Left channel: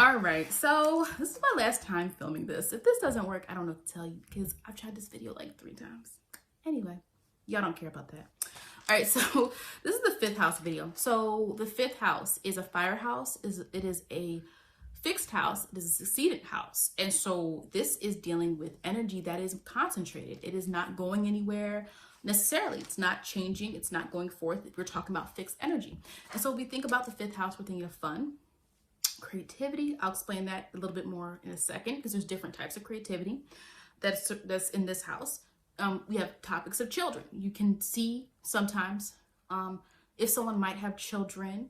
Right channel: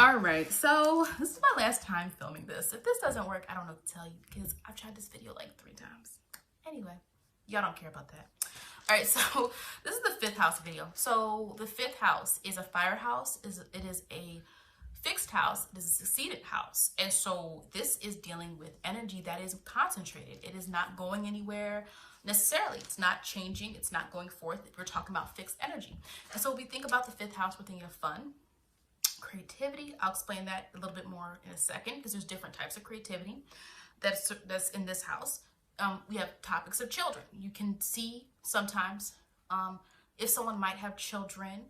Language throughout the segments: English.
All right, so this is my last time filming this. If this doesn't work, I don't know what to tell you because I've tried this video like 3 times. Anyway, y'all don't care about that. All right, so this is the 5th house video. So the 5th house is a fire house. It is a fixed house. This is a succeeded house. And so this is dealing with energy that is concentrated. It is not going anywhere necessarily. It's not changing. It's not going forth. We're talking about fixed energy. And so when we think about the 5th house, we're thinking of fun, creativity. I'll explain that a little bit more in a second because there's different types of creativity that's in this house. We have topics of children. You can see sometimes if someone might have children,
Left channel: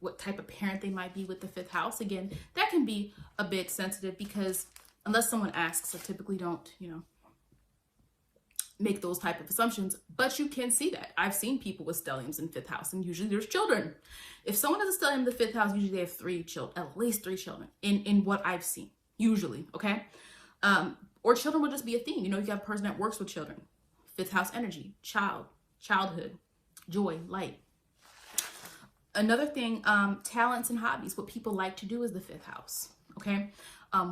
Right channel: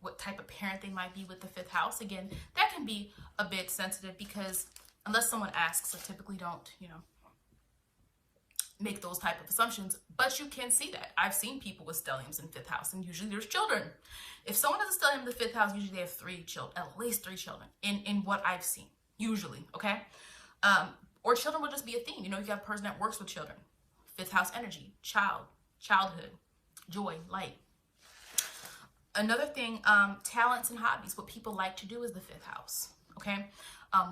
what type of parent they might be with the 5th house. Again, that can be a bit sensitive because unless someone asks, I typically don't, make those type of assumptions, but you can see that. I've seen people with stelliums in 5th house, and usually there's children. If someone has a stellium in the 5th house, usually they have 3 children, at least 3 children in what I've seen, usually, okay? Or children will just be a theme. If you have a person that works with children, 5th house energy, childhood, joy, light. Another thing, talents and hobbies, what people like to do is the 5th house, okay?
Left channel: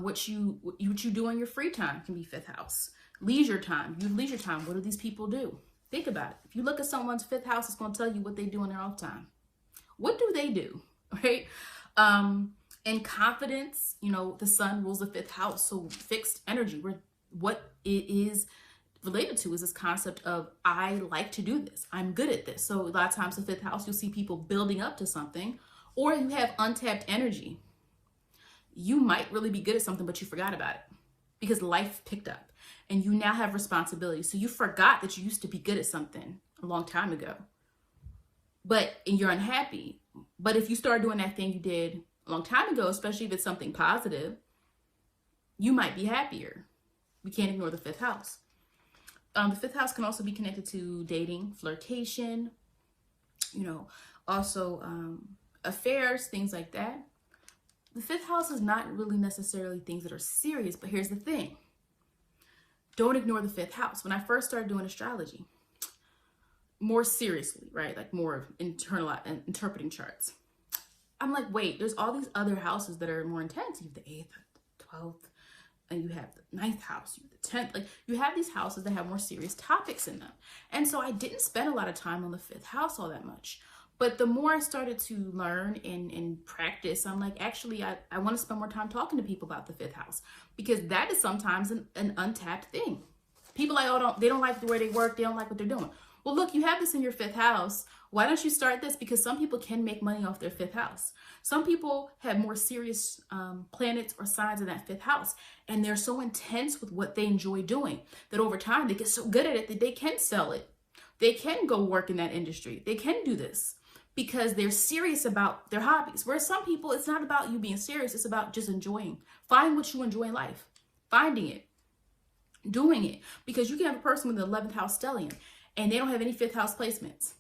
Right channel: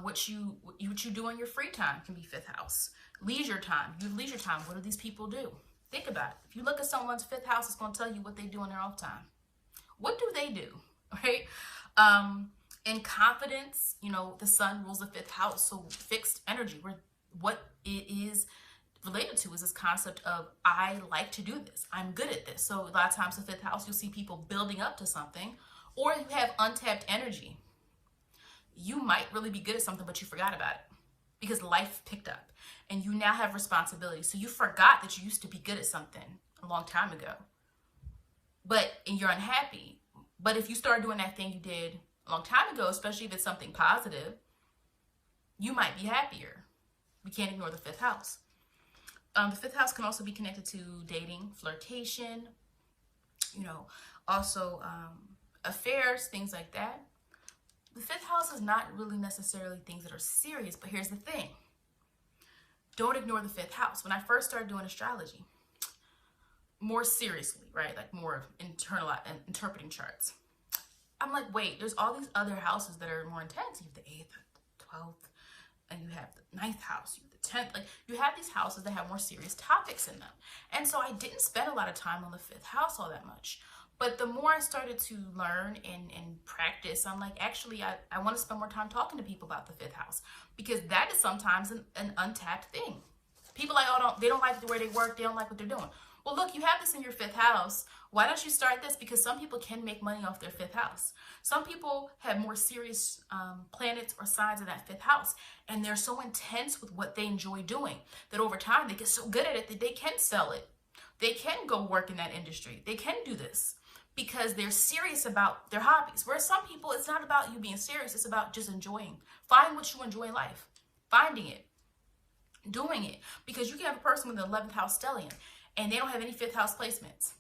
What you do in your free time can be 5th house. Leisure time, you have leisure time. What do these people do? Think about it. If you look at someone's 5th house, it's going to tell you what they do in their off time. What do they do, right? And confidence, the sun rules the 5th house. So fixed energy, what it is related to is this concept of, I like to do this. I'm good at this. So a lot of times in 5th house, you'll see people building up to something, or you have untapped energy. You might really be good at something, but you forgot about it because life picked up and you now have responsibility. So you forgot that you used to be good at something a long time ago, and you're unhappy. But if you start doing that thing you did a long time ago, especially if it's something positive, you might be happier. We can't ignore the 5th house. The 5th house can also be connected to dating, flirtation, also affairs, things like that. The 5th house is not really necessarily things that are serious, but here's the thing. Don't ignore the 5th house. When I first started doing astrology, more seriously, right? Like more of interpreting charts. I'm like, wait, there's all these other houses that are more intense. You have the 8th, 12th, and you have the 9th house, you have the 10th. Like you have these houses that have more serious topics in them. And so I didn't spend a lot of time on the 5th house all that much. But the more I started to learn and practice, I'm like, actually, I want to spend more time talking to people about the 5th house because that is sometimes an untapped thing. People like, they don't like the way they work. They don't like what they're doing. Well, look, you have this in your 5th house. Why don't you start this? Because some people can make money off their 5th house. Some people have more serious planets or signs in that 5th house. And they're so intense with what they enjoy doing that over time, they get so good at it that they can sell it. They can go work in that industry. They can do this because they're serious about their hobbies. Whereas some people, it's not about you being serious. It's about just enjoying. Find what you enjoy in life. Finding it. Doing it. Because you can have a person with an 11th house stellium and they don't have any 5th house placements.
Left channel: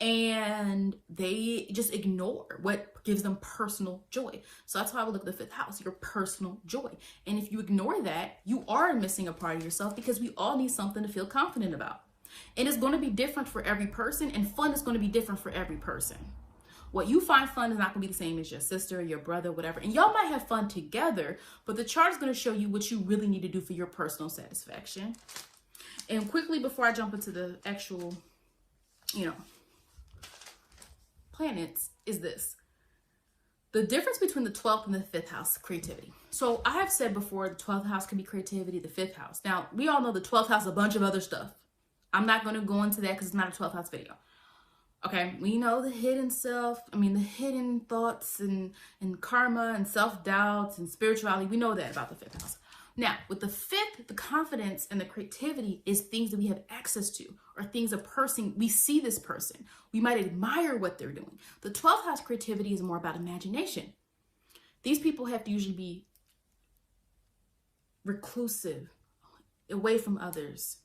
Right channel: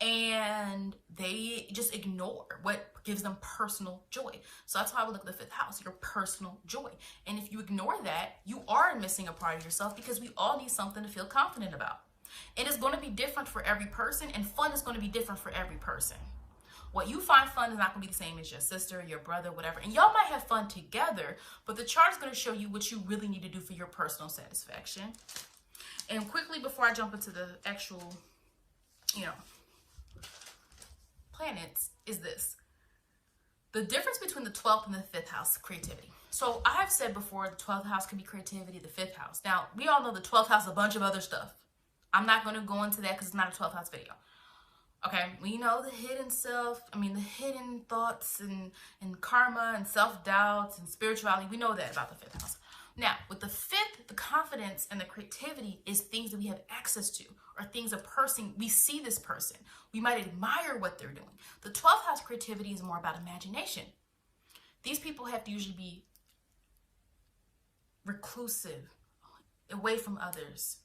And they just ignore what gives them personal joy. So that's why I would look at the 5th house, your personal joy. And if you ignore that, you are missing a part of yourself because we all need something to feel confident about. And it's going to be different for every person, and fun is going to be different for every person. What you find fun is not going to be the same as your sister, your brother, whatever. And y'all might have fun together, but the chart is going to show you what you really need to do for your personal satisfaction. And quickly, before I jump into the actual, planets, is this. The difference between the 12th and the 5th house, creativity. So I have said before, the 12th house can be creativity, the 5th house. Now, we all know the 12th house is a bunch of other stuff. I'm not going to go into that because it's not a 12th house video. Okay, we know the hidden self, the hidden thoughts and karma and self-doubts and spirituality. We know that about the 5th house. Now, with the 5th, the confidence and the creativity is things that we have access to, or things a person, we see this person. We might admire what they're doing. The 12th house creativity is more about imagination. These people have to usually be reclusive, away from others,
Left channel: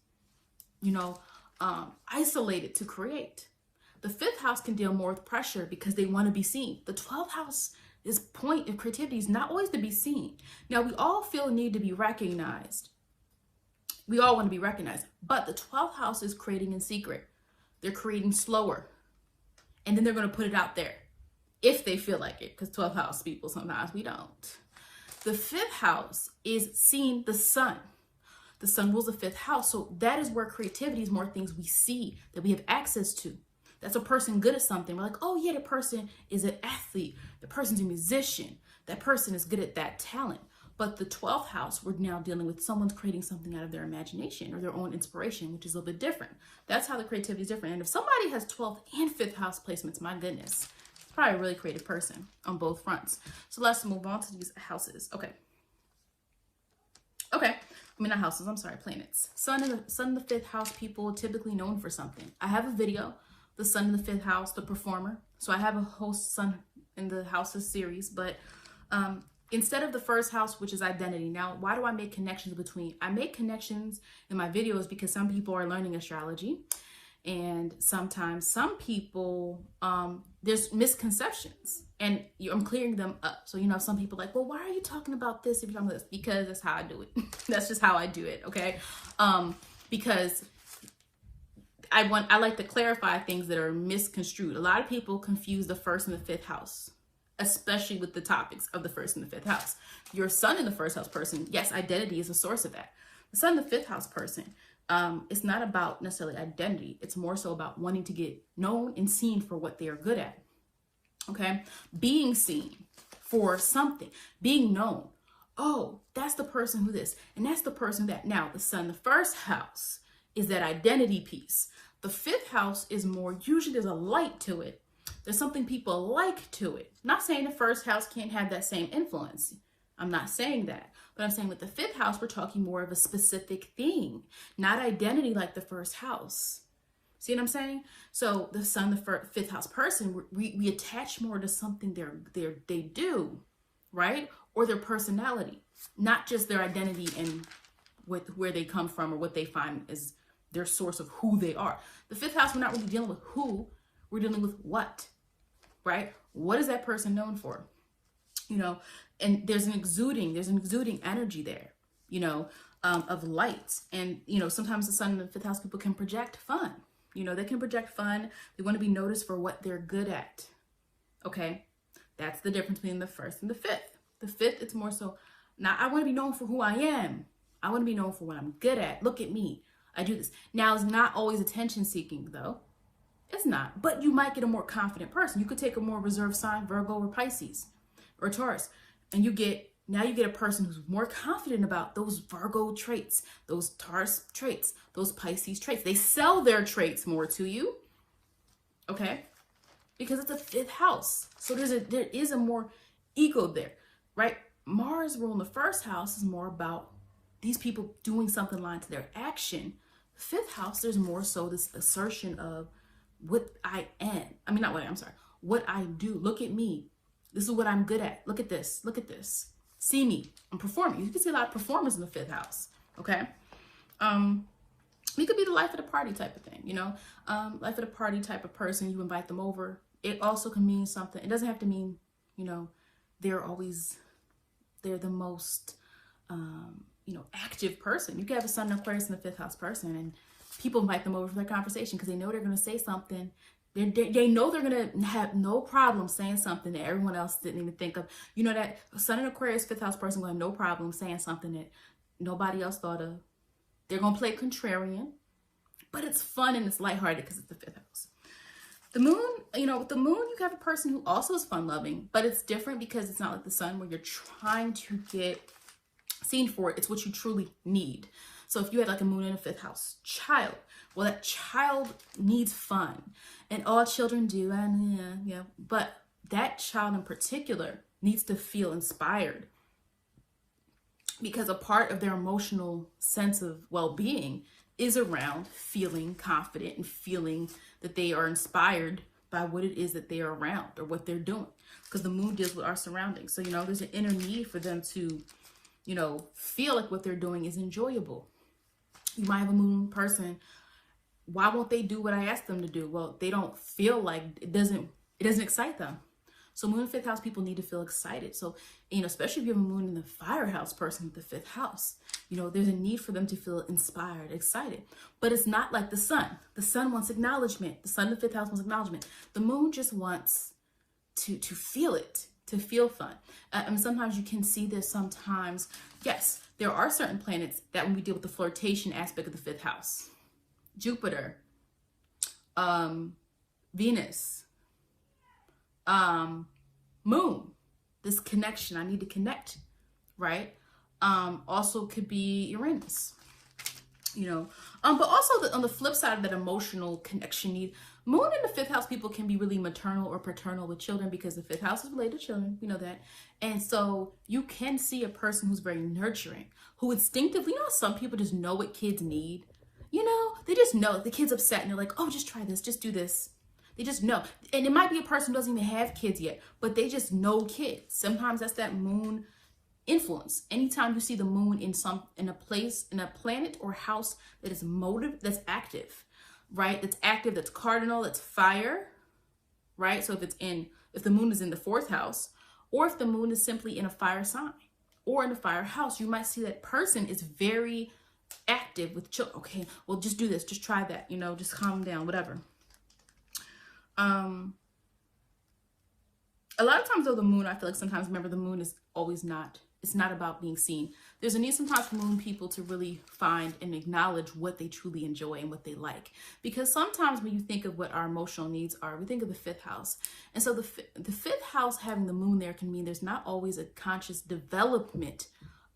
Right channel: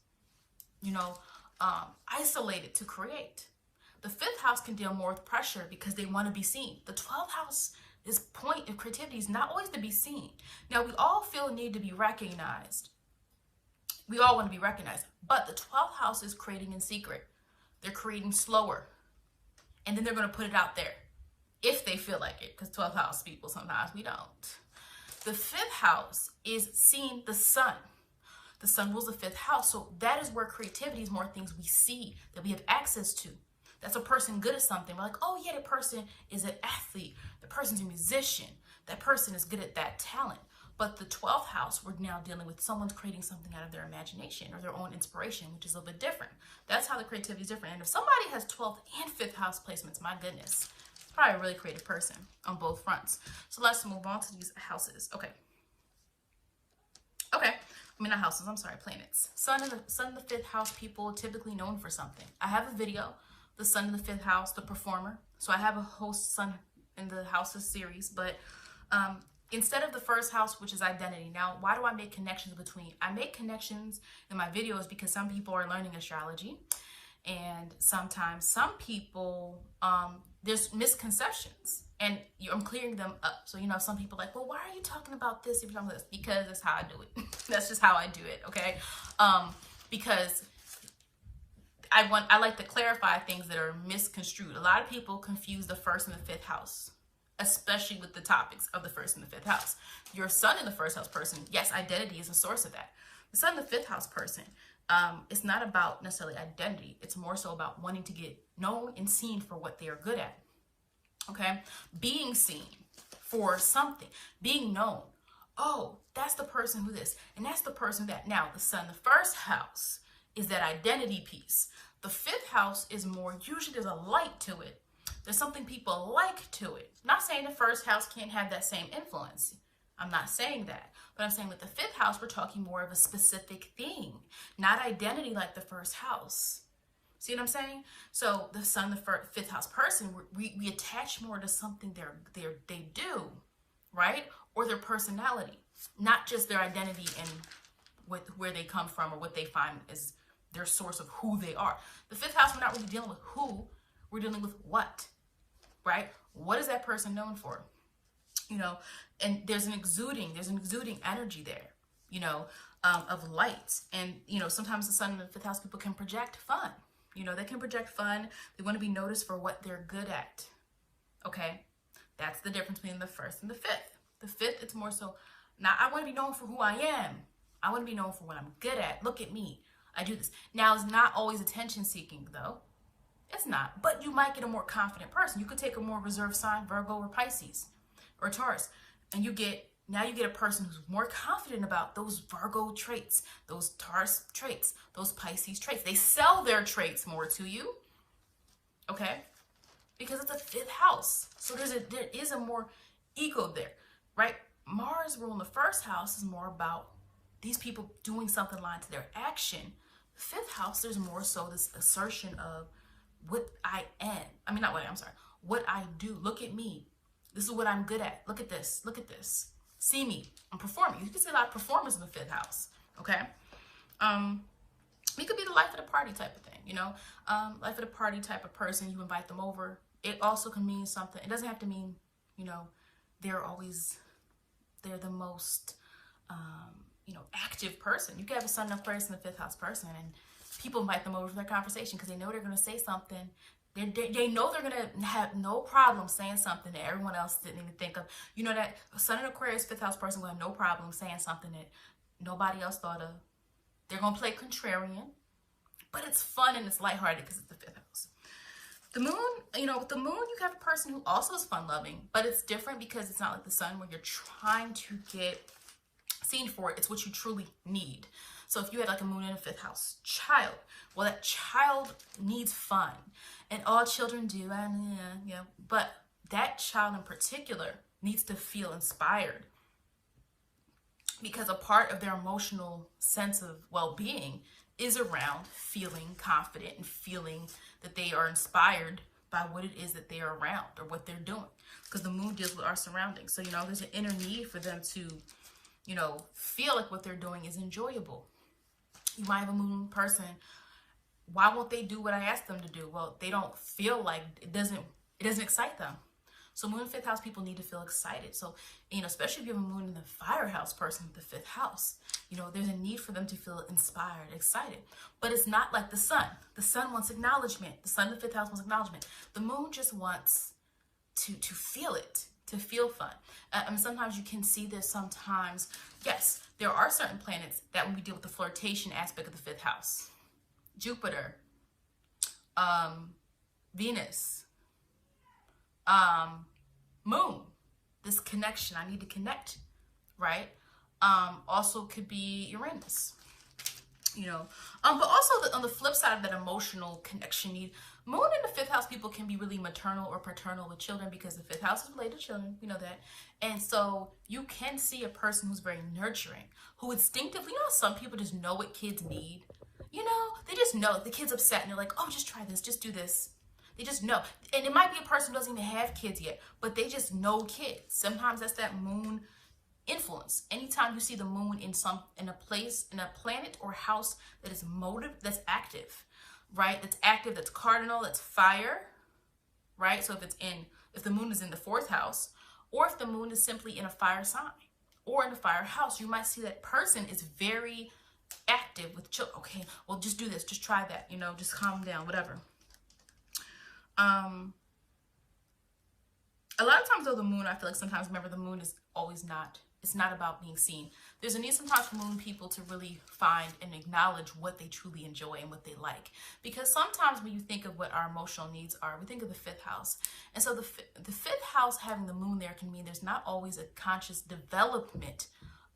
isolated to create. The 5th house can deal more with pressure because they want to be seen. The 12th house, this point of creativity is not always to be seen. Now, we all feel a need to be recognized. We all want to be recognized. But the 12th house is creating in secret. They're creating slower. And then they're going to put it out there. if they feel like it, because 12th house people, sometimes we don't. The 5th house is seeing the sun. The sun rules the 5th house. So that is where creativity is more things we see that we have access to. That's a person good at something. We're like, oh yeah, the person is an athlete. The person's a musician. That person is good at that talent. But the 12th house, we're now dealing with someone's creating something out of their imagination or their own inspiration, which is a little bit different. That's how the creativity is different. And if somebody has 12th and 5th house placements, my goodness, probably a really creative person on both fronts. So let's move on to these houses. Okay. I mean, not houses, I'm sorry, planets. Sun in the 5th house, people typically known for something. I have a video, the sun in the 5th house, the performer. So I have a host sun in the houses series, but instead of the 1st house, which is identity. Now, why do I make connections between? I make connections in my videos because some people are learning astrology, and sometimes some people, there's misconceptions, and I'm clearing them up. So, some people are like, well, why are you talking about this if you're talking about this? Because that's how I do it. That's just how I do it, okay? Because I like to clarify things that are misconstrued. A lot of people confuse the 1st and the 5th house, especially with the topics of the 1st and the 5th house. Your sun in the 1st house person, yes, identity is a source of that. The sun in the 5th house person, it's not about necessarily identity. It's more so about wanting to get known and seen for what they are good at. Okay? Being seen for something. Being known. Oh, that's the person who this, and that's the person that. Now, the sun in the 1st house is that identity piece. The 5th house is more, usually there's a light to it. There's something people like to it. I'm not saying the 1st house can't have that same influence. I'm not saying that. But I'm saying with the 5th house, we're talking more of a specific thing, not identity like the 1st house. See what I'm saying? So the sun, the 5th house person, we attach more to something they do, right? Or their personality, not just their identity and where they come from or what they find as their source of who they are. The 5th house, we're not really dealing with who, we're dealing with what, right? What is that person known for? And there's an exuding energy there, of light. And, sometimes the sun in the 5th house people can project fun. They can project fun. They want to be noticed for what they're good at. Okay. That's the difference between the 1st and the 5th. The 5th, it's more so, now I want to be known for who I am. I want to be known for what I'm good at. Look at me. I do this. Now, it's not always attention seeking though. It's not, but you might get a more confident person. You could take a more reserved sign, Virgo or Pisces or Taurus, and you get a person who's more confident about those Virgo traits, those Taurus traits, those Pisces traits. They sell their traits more to you, okay? Because it's a 5th house. So there is a more ego there, right? Mars rule in the 1st house is more about these people doing something aligned to their action. 5th house, there's more so this assertion of what I am. I mean, not what I am, sorry. What I do. Look at me. This is what I'm good at. Look at this. Look at this. See me. I'm performing. You can see a lot of performers in the 5th house. Okay. We could be the life of the party type of thing, life of the party type of person. You invite them over. It also can mean something. It doesn't have to mean, they're the most, active person. You could have a sun in Aquarius in the 5th house person, and people invite them over for their conversation because they know they're going to say something. They know they're going to have no problem saying something that everyone else didn't even think of. That sun in Aquarius 5th house person will have no problem saying something that nobody else thought of. They're going to play contrarian, but it's fun and it's lighthearted because it's the 5th house. The moon, with the moon, you have a person who also is fun loving, but it's different because it's not like the sun where you're trying to get seen for it. It's what you truly need. So if you had like a moon in a 5th house child, well, that child needs fun, and all children do, and but that child in particular needs to feel inspired, because a part of their emotional sense of well-being is around feeling confident and feeling that they are inspired by what it is that they are around or what they're doing, because the moon deals with our surroundings. So there's an inner need for them to feel like what they're doing is enjoyable. You might have a moon person. Why won't they do what I ask them to do? Well, they don't feel like it doesn't excite them. So moon and 5th house people need to feel excited. So, especially if you have a moon in the fire house person with the 5th house, there's a need for them to feel inspired, excited. But it's not like the sun. The sun wants acknowledgement. The sun in the 5th house wants acknowledgement. The moon just wants to feel it, to feel fun. And sometimes you can see this sometimes. Yes, there are certain planets that when we deal with the flirtation aspect of the fifth house, Jupiter, Venus, Moon, this connection, I need to connect, right? Also could be Uranus, you know, but also on the flip side of that emotional connection need, Moon in the fifth house people can be really maternal or paternal with children, because the fifth house is related to children, you know that. And so you can see a person who's very nurturing, who instinctively, you know, some people just know what kids need. You know, they just know the kid's upset and they're like, oh, just try this, just do this. They just know. And it might be a person who doesn't even have kids yet, but they just know kids. Sometimes that's that moon influence. Anytime you see the moon in a place, in a planet or house that is motive, that's active, right? That's active, that's cardinal, that's fire, right? So if the moon is in the fourth house, or if the moon is simply in a fire sign or in a fire house, you might see that person is very active with children. Okay, well, just do this, just try that, you know, just calm down, whatever. A lot of times though, the moon, I feel like sometimes, remember, the moon is always not, it's not about being seen. There's a need sometimes for moon people to really find and acknowledge what they truly enjoy and what they like. Because sometimes when you think of what our emotional needs are, we think of the fifth house. And so the fifth house having the moon there can mean there's not always a conscious development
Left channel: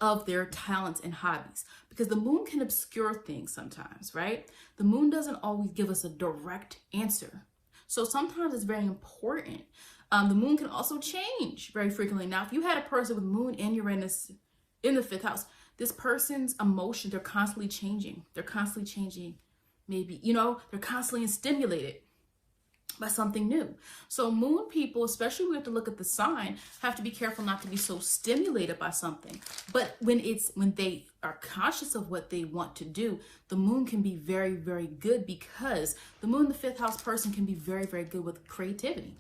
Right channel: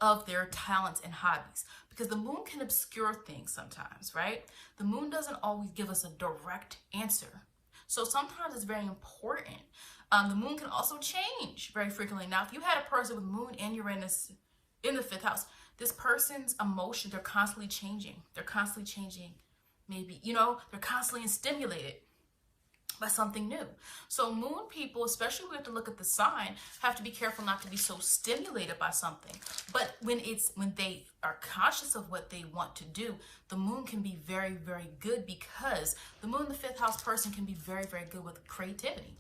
of their talents and hobbies, because the moon can obscure things sometimes, right? The moon doesn't always give us a direct answer. So sometimes it's very important. The moon can also change very frequently. Now, if you had a person with moon and Uranus in the fifth house, this person's emotions, they're constantly changing. They're constantly changing. Maybe, you know, they're constantly stimulated by something new. So moon people, especially when we have to look at the sign, have to be careful not to be so stimulated by something. But when they are conscious of what they want to do, the moon can be very, very good, because the moon in the fifth house person can be very, very good with creativity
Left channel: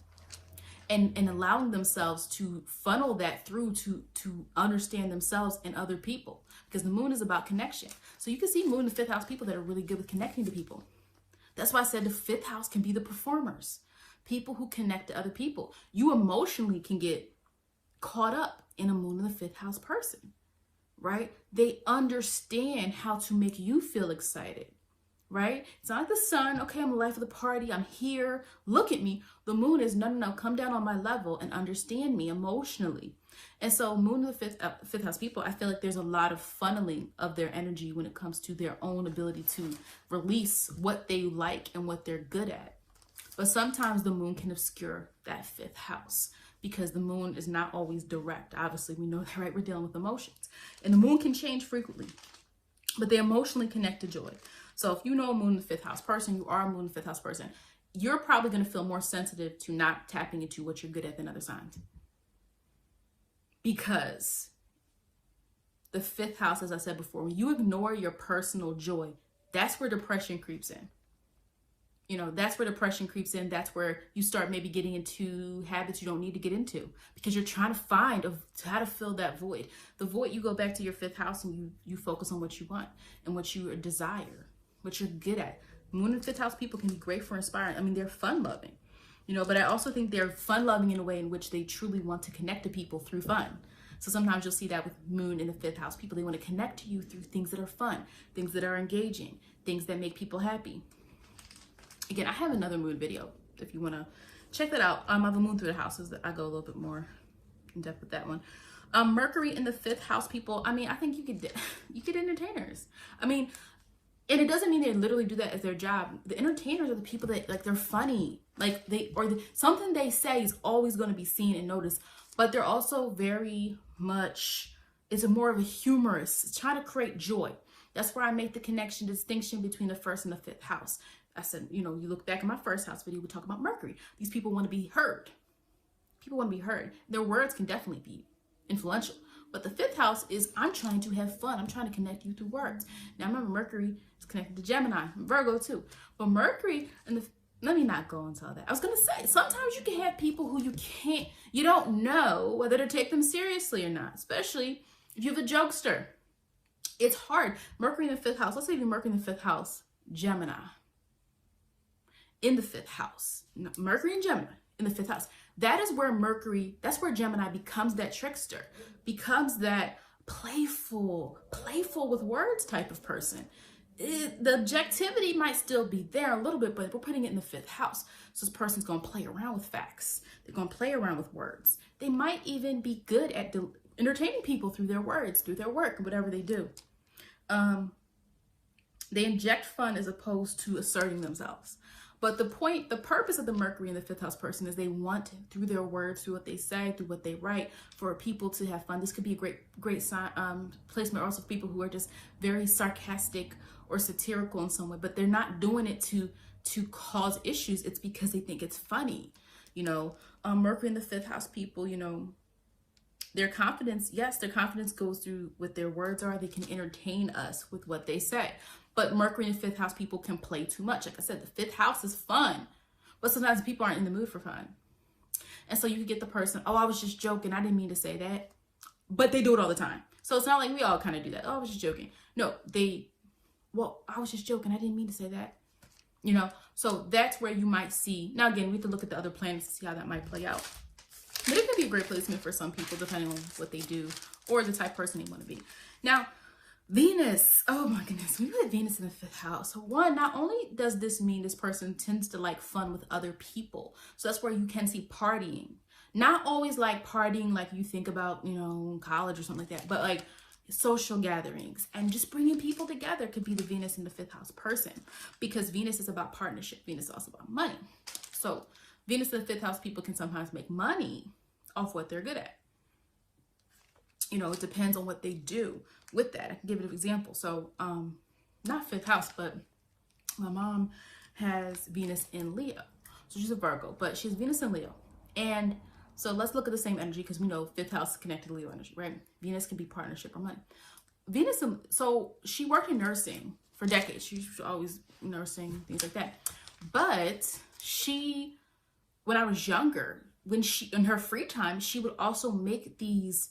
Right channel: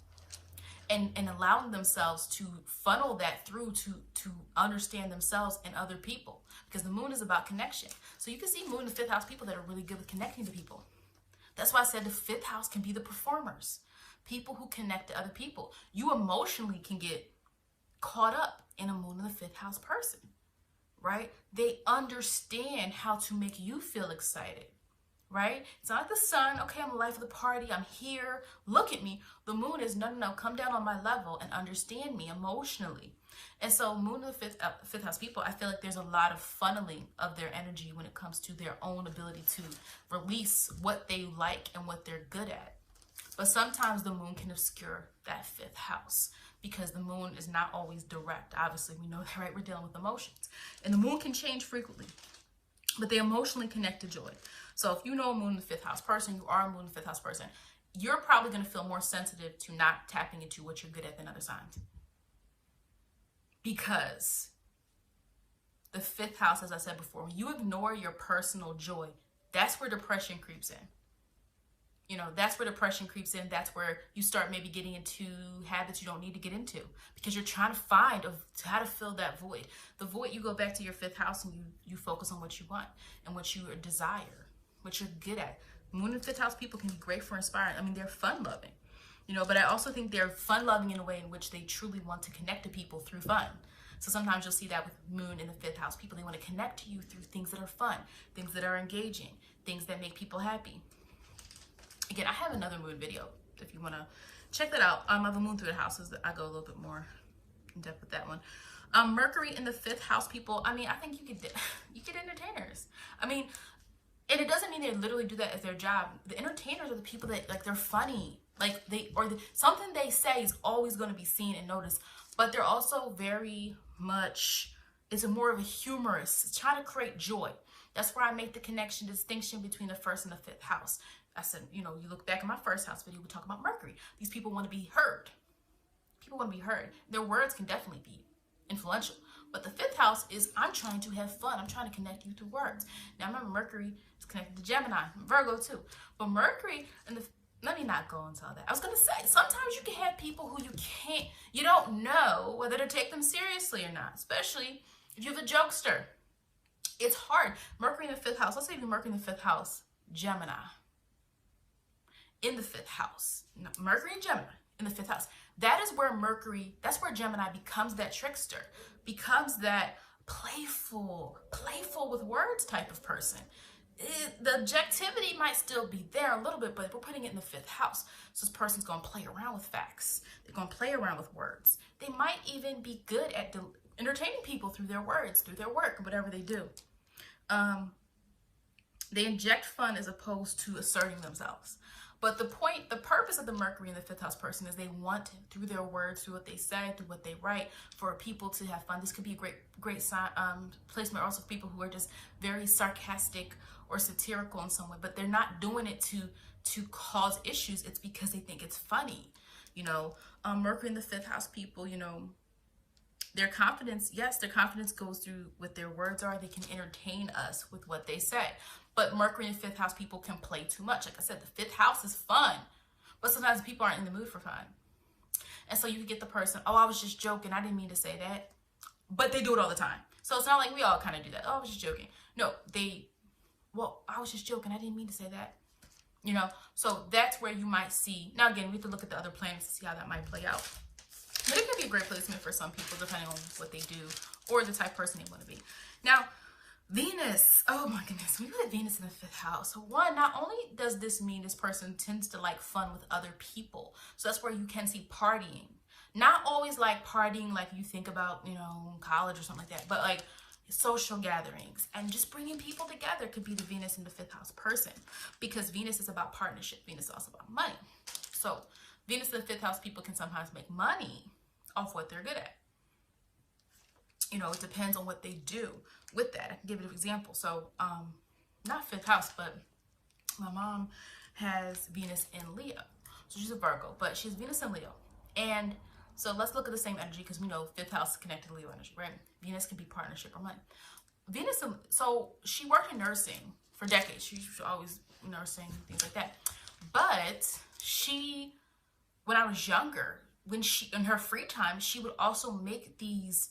and allowing themselves to funnel that through to understand themselves and other people, because the moon is about connection. So you can see moon in the fifth house people that are really good with connecting to people. That's why I said the fifth house can be the performers, people who connect to other people. You emotionally can get caught up in a moon in the fifth house person, right? They understand how to make you feel excited, right? It's not like the sun, okay, I'm the life of the party, I'm here, look at me. The moon is, no, come down on my level and understand me emotionally. And so moon in the fifth house people, I feel like there's a lot of funneling of their energy when it comes to their own ability to release what they like and what they're good at. But sometimes the moon can obscure that fifth house, because the moon is not always direct. Obviously, we know that, right? We're dealing with emotions. And the moon can change frequently, but they emotionally connect to joy. So if you know a moon in the fifth house person, you are a moon in the fifth house person, you're probably going to feel more sensitive to not tapping into what you're good at than other signs. Because the fifth house, as I said before, when you ignore your personal joy, that's where depression creeps in. You know, that's where depression creeps in. That's where you start maybe getting into habits you don't need to get into, because you're trying to find how to fill that void. The void, you go back to your fifth house and you focus on what you want and what you desire, what you're good at. Moon and fifth house people can be great for inspiring. I mean, they're fun loving, you know, but I also think they're fun loving in a way in which they truly want to connect to people through fun. So sometimes you'll see that with moon in the fifth house people. They want to connect to you through things that are fun, things that are engaging, things that make people happy. Again, I have another moon video if you want to check that out. I have a moon through the houses that I go a little bit more in depth with that one. Mercury in the fifth house people, I mean, I think you get entertainers. I mean, and it doesn't mean they literally do that as their job. The entertainers are the people that, like, they're funny. Like, something they say is always going to be seen and noticed. But they're also very much, it's more of a humorous, try to create joy. That's where I make the connection, distinction between the first and the fifth house. I said, you know, you look back at my first house video, we talk about Mercury. These people want to be heard. People want to be heard. Their words can definitely be influential. But the fifth house is, I'm trying to have fun. I'm trying to connect you through words. Now, remember, Mercury is connected to Gemini, Virgo too. But Mercury, let me not go into all that. I was going to say, sometimes you can have people who you don't know whether to take them seriously or not, especially if you're the jokester. It's hard. Mercury in the fifth house, let's say even Mercury in the fifth house, Gemini in the fifth house. No, Mercury and Gemini in the fifth house. That is where Mercury, that's where Gemini becomes that trickster, becomes that playful with words type of person. The objectivity might still be there a little bit, but we're putting it in the 5th house. So this person's going to play around with facts. They're going to play around with words. They might even be good at entertaining people through their words, through their work, whatever they do. They inject fun as opposed to asserting themselves. But the purpose of the Mercury in the 5th house person is they want, through their words, through what they say, through what they write, for people to have fun. This could be a great placement also for people who are just very sarcastic or satirical in some way, but they're not doing it to cause issues. It's because they think it's funny. You know, Mercury in the 5th house people, you know, their confidence, yes, their confidence goes through what their words are. They can entertain us with what they say. But Mercury in 5th house people can play too much. Like I said, the 5th house is fun, but sometimes people aren't in the mood for fun. And so you can get the person, oh, I was just joking. I didn't mean to say that. But they do it all the time. So it's not like we all kind of do that. Oh, I was just joking. No, well, I was just joking. I didn't mean to say that. You know, so that's where you might see. Now, again, we have to look at the other planets to see how that might play out. But it could be a great placement for some people, depending on what they do or the type of person they want to be. Now, Venus, oh my goodness, we have Venus in the 5th house. So one, not only does this mean this person tends to like fun with other people. So that's where you can see partying. Not always like partying like you think about, you know, college or something like that, but like social gatherings and just bringing people together could be the Venus in the 5th house person, because Venus is about partnership. Venus is also about money. So Venus in the 5th house people can sometimes make money off what they're good at. You know, it depends on what they do with that. I can give you an example. So, not 5th house, but my mom has Venus in Leo. So she's a Virgo, but she has Venus in Leo. And so let's look at the same energy, because we know 5th house is connected to Leo energy, right? Venus can be partnership or money. So she worked in nursing for decades. She's always nursing, things like that. But when I was younger, in her free time, she would also make these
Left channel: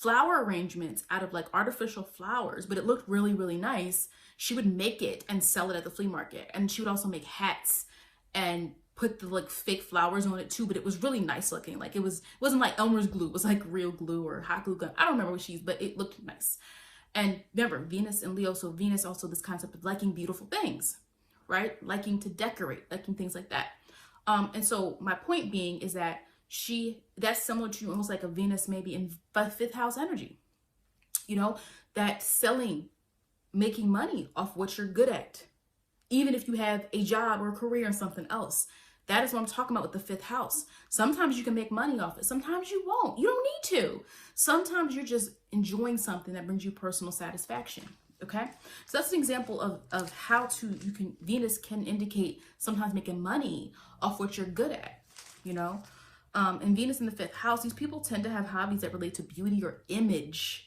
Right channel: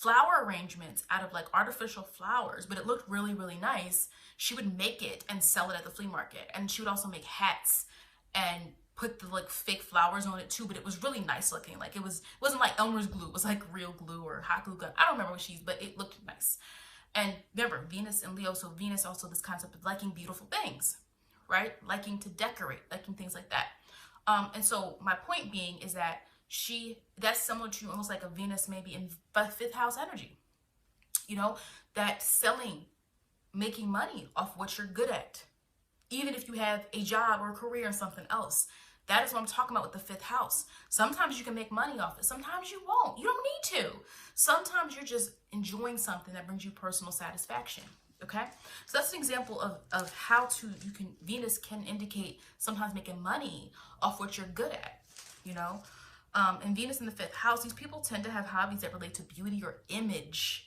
flower arrangements out of like artificial flowers, but it looked really, really nice. She would make it and sell it at the flea market. And she would also make hats and put the like fake flowers on it too, but it was really nice looking. Like it wasn't like Elmer's glue. It was like real glue or hot glue gun. I don't remember what she used, but it looked nice. And remember, Venus and Leo. So Venus also this concept of liking beautiful things, right? Liking to decorate, liking things like that. And so my point being is that that's similar to almost like a Venus maybe in 5th house energy, you know, that selling, making money off what you're good at, even if you have a job or a career in something else. That is what I'm talking about with the 5th house. Sometimes you can make money off it. Sometimes you won't. You don't need to. Sometimes you're just enjoying something that brings you personal satisfaction. Okay. So that's an example of how Venus can indicate sometimes making money off what you're good at, you know. And Venus in the 5th house, these people tend to have hobbies that relate to beauty or image.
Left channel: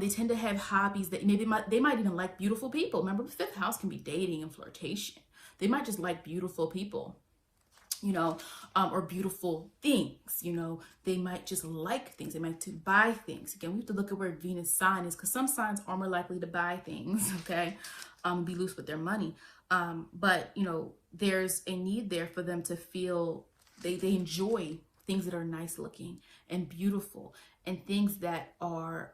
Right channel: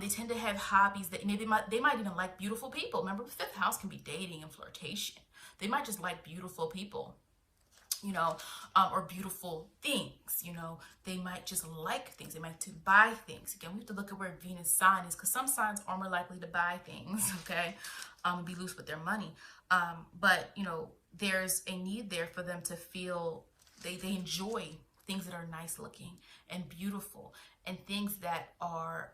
They tend to have hobbies that they might even like beautiful people. Remember, the 5th house can be dating and flirtation. They might just like beautiful people, you know, or beautiful things, you know. They might just like things. They might to buy things. Again, we have to look at where Venus sign is, because some signs are more likely to buy things, okay, be loose with their money. But, you know, there's a need there for them to feel they enjoy things that are nice looking and beautiful and things that are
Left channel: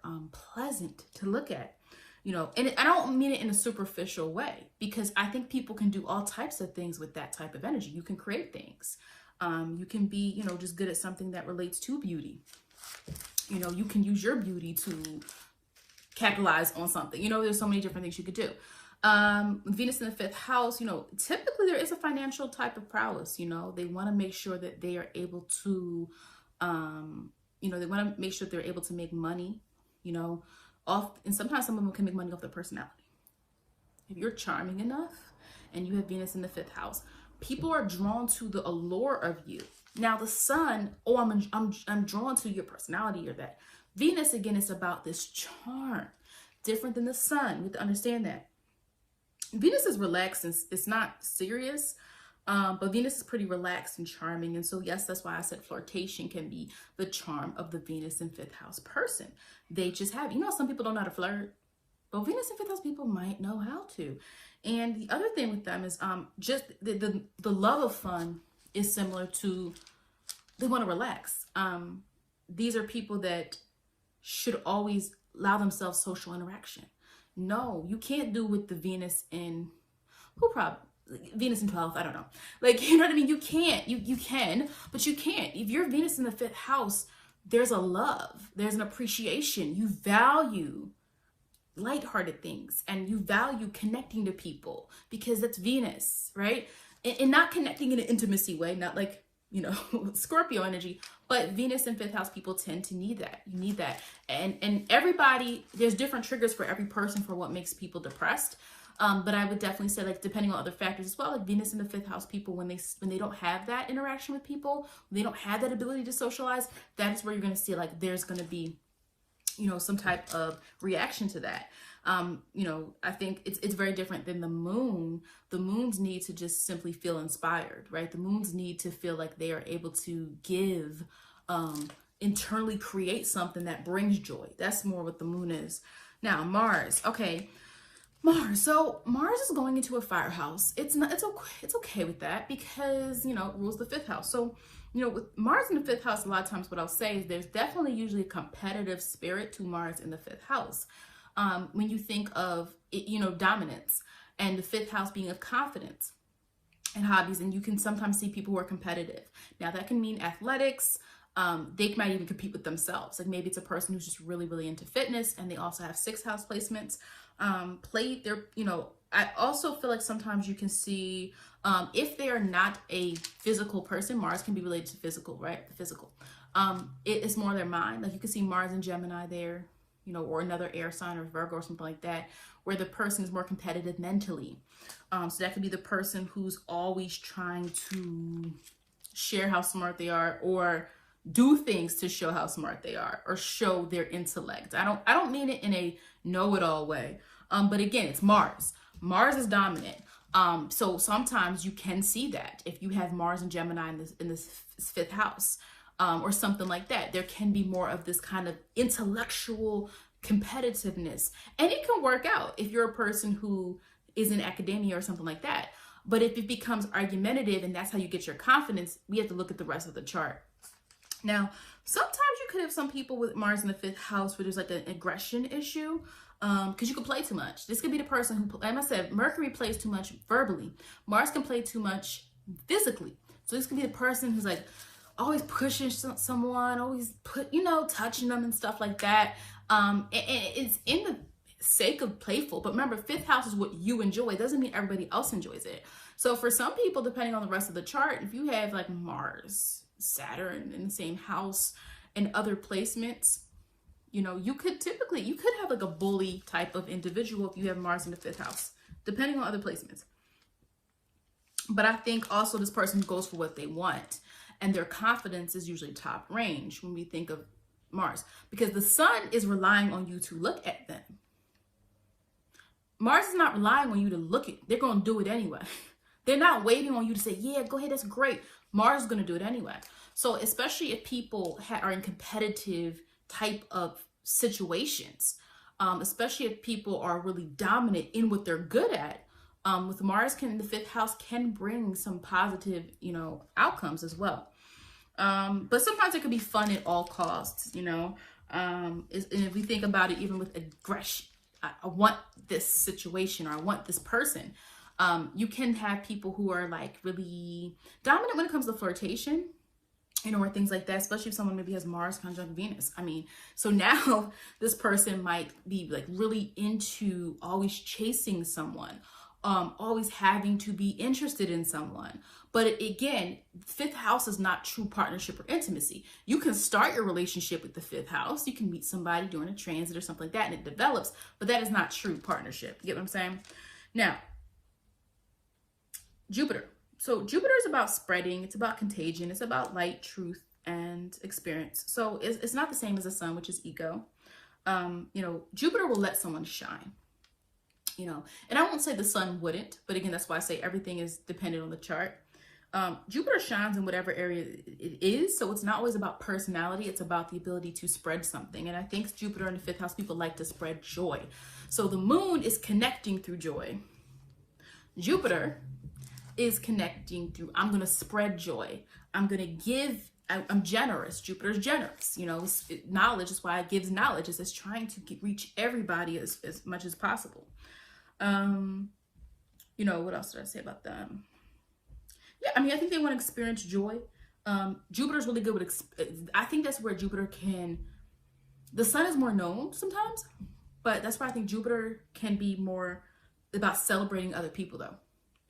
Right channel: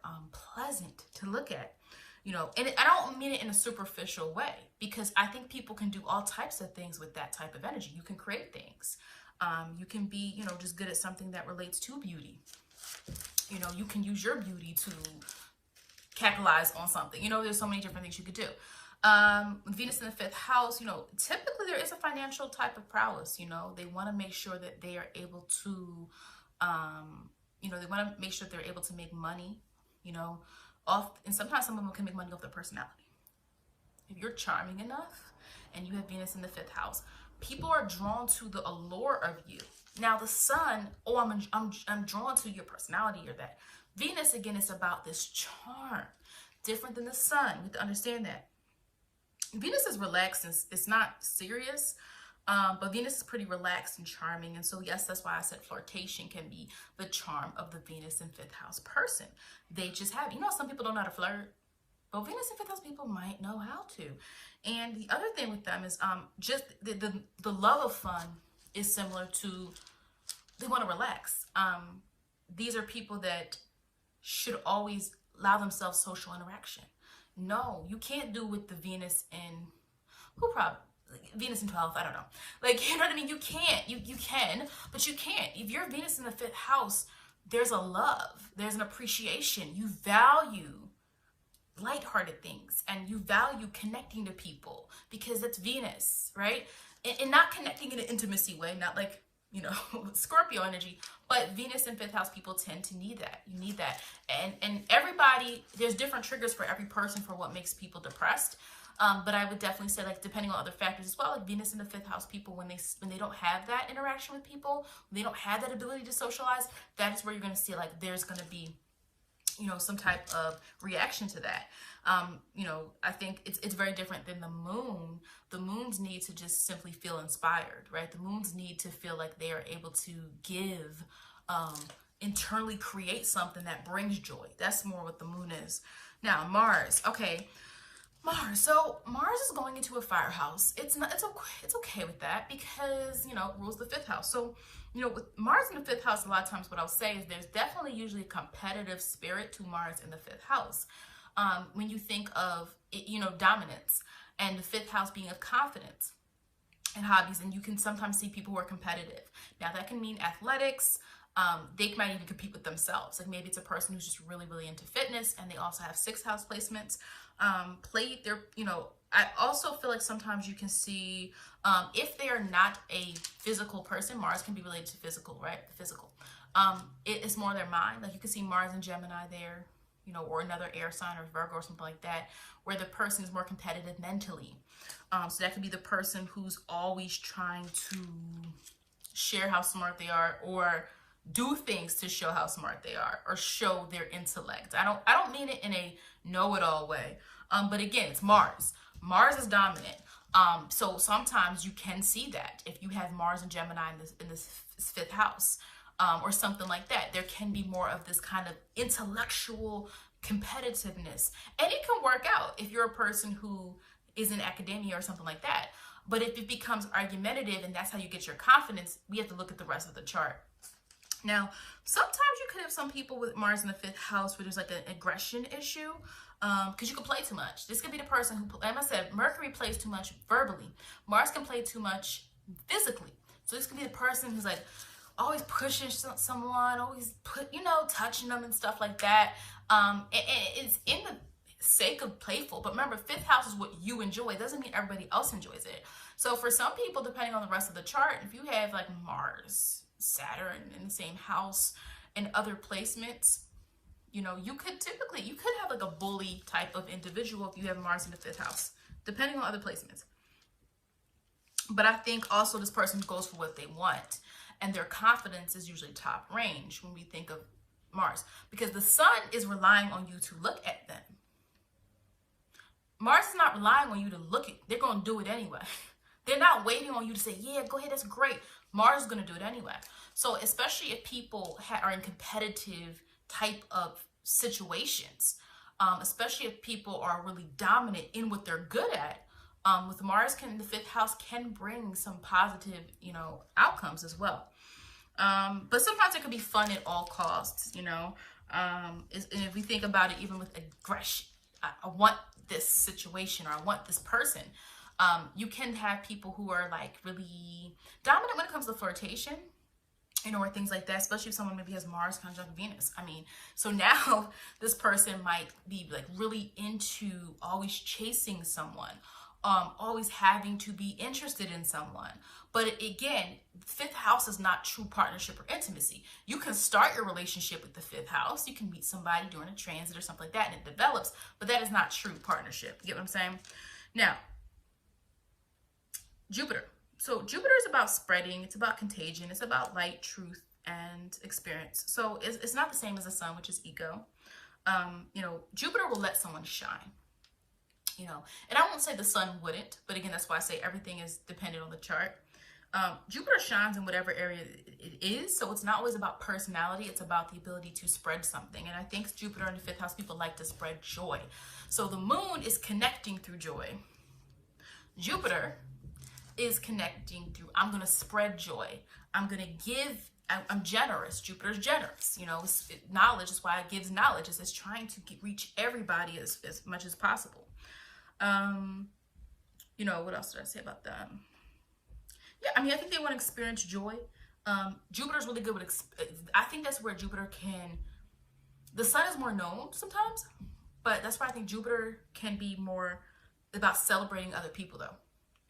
pleasant to look at, you know. And I don't mean it in a superficial way, because I think people can do all types of things with that type of energy. You can create things. You can be, you know, just good at something that relates to beauty. You know, you can use your beauty to capitalize on something. You know, there's so many different things you could do. With Venus in the 5th house, you know, typically there is a financial type of prowess. You know, they want to make sure that they are able to, you know, they want to make sure that they're able to make money, you know, and sometimes some of them can make money off their personality. If you're charming enough and you have Venus in the 5th house, people are drawn to the allure of you. Now the sun, oh, I'm drawn to your personality or that. Venus, again, is about this charm, different than the sun. You have to understand that. Venus is relaxed and it's not serious, but Venus is pretty relaxed and charming. And so, yes, that's why I said flirtation can be the charm of the Venus in 5th house person. They just have, you know, some people don't know how to flirt, but Venus in 5th house people might know how to. And the other thing with them is just the love of fun is similar to they want to relax. These are people that should always allow themselves social interaction. No, you can't do with the Venus in, Venus in 12th, I don't know. Like, you know what I mean? You can't, you can, but you can't. If you're Venus in the 5th house, there's a love, there's an appreciation. You value lighthearted things, and you value connecting to people because that's Venus, right? And not connecting in an intimacy way, not like, you know, Scorpio energy, but Venus in 5th house people tend to need that. You need that. And everybody, there's different triggers for every person for what makes people depressed. But I would definitely say, like, depending on other factors as well, like Venus in the 5th house people, when they don't have that interaction with people, when they don't have that ability to socialize, that's where you're going to see, like, there's going to be, you know, some type of reaction to that. You know, I think it's very different than the moon. The moons need to just simply feel inspired, right? The moons need to feel like they are able to give, internally create something that brings joy. That's more what the moon is. Now, Mars. Okay. Mars. So Mars is going into a fire house. It's okay with that because, you know, it rules the 5th house. So, you know, with Mars in the 5th house, a lot of times what I'll say is there's definitely usually a competitive spirit to Mars in the 5th house. When you think of, you know, dominance, and the 5th house being of confidence and hobbies, and you can sometimes see people who are competitive. Now that can mean athletics. They might even compete with themselves. Like maybe it's a person who's just really, really into fitness, and they also have 6th house placements. You know, I also feel like sometimes you can see, if they are not a physical person, Mars can be related to physical, right? The physical. It is more their mind. Like you can see Mars and Gemini there, you know, or another air sign or Virgo or something like that, where the person is more competitive mentally. So that could be the person who's always trying to share how smart they are, or do things to show how smart they are, or show their intellect. I don't mean it in a know-it-all way. But again, it's Mars. Mars is dominant. So sometimes you can see that if you have Mars and Gemini in this 5th house, or something like that. There can be more of this kind of intellectual competitiveness, and it can work out if you're a person who is in academia or something like that. But if it becomes argumentative and that's how you get your confidence, we have to look at the rest of the chart. Now, sometimes you could have some people with Mars in the 5th house where there's like an aggression issue, because you can play too much. This could be the person who, like I said, Mercury plays too much verbally. Mars can play too much physically. So this could be the person who's like always pushing someone, always touching them and stuff like that. It's in the sake of playful, but remember, 5th house is what you enjoy. It doesn't mean everybody else enjoys it. So for some people, depending on the rest of the chart, if you have like Mars, Saturn in the same house and other placements, you know, you could have like a bully type of individual if you have Mars in the 5th house, depending on other placements. But I think also this person goes for what they want, and their confidence is usually top range when we think of Mars, because the sun is relying on you to look at them. Mars is not relying on you to look at, they're going to do it anyway. They're not waiting on you to say, yeah, go ahead, that's great. Mars is going to do it anyway. So especially if people are in competitive type of situations, especially if people are really dominant in what they're good at, with Mars in the 5th house can bring some positive, outcomes as well. But sometimes it can be fun at all costs, and if we think about it, even with aggression, I want this situation, or I want this person. You can have people who are like really dominant when it comes to flirtation, or things like that, especially if someone maybe has Mars conjunct Venus. So now this person might be like really into always chasing someone, always having to be interested in someone. But again, 5th house is not true partnership or intimacy. You can start your relationship with the 5th house. You can meet somebody during a transit or something like that, and it develops, but that is not true partnership. You get what I'm saying? Now, Jupiter. So Jupiter is about spreading. It's about contagion. It's about light, truth, and experience. So it's not the same as the sun, which is ego. Jupiter will let someone shine. And I won't say the sun wouldn't, but again, that's why I say everything is dependent on the chart. Jupiter shines in whatever area it is, so it's not always about personality. It's about the ability to spread something. And I think Jupiter in the 5th house, people like to spread joy. So the moon is connecting through joy. Jupiter is connecting through, I'm going to spread joy. I'm going to give I'm generous. Jupiter's generous. You know, knowledge is why it gives knowledge. It's trying to reach everybody as much as possible. You know, what else did I say about them? Yeah, I mean, I think they want to experience joy. Jupiter's really good with, I think that's where Jupiter can, the sun is more known sometimes, but that's why I think Jupiter can be more about celebrating other people though.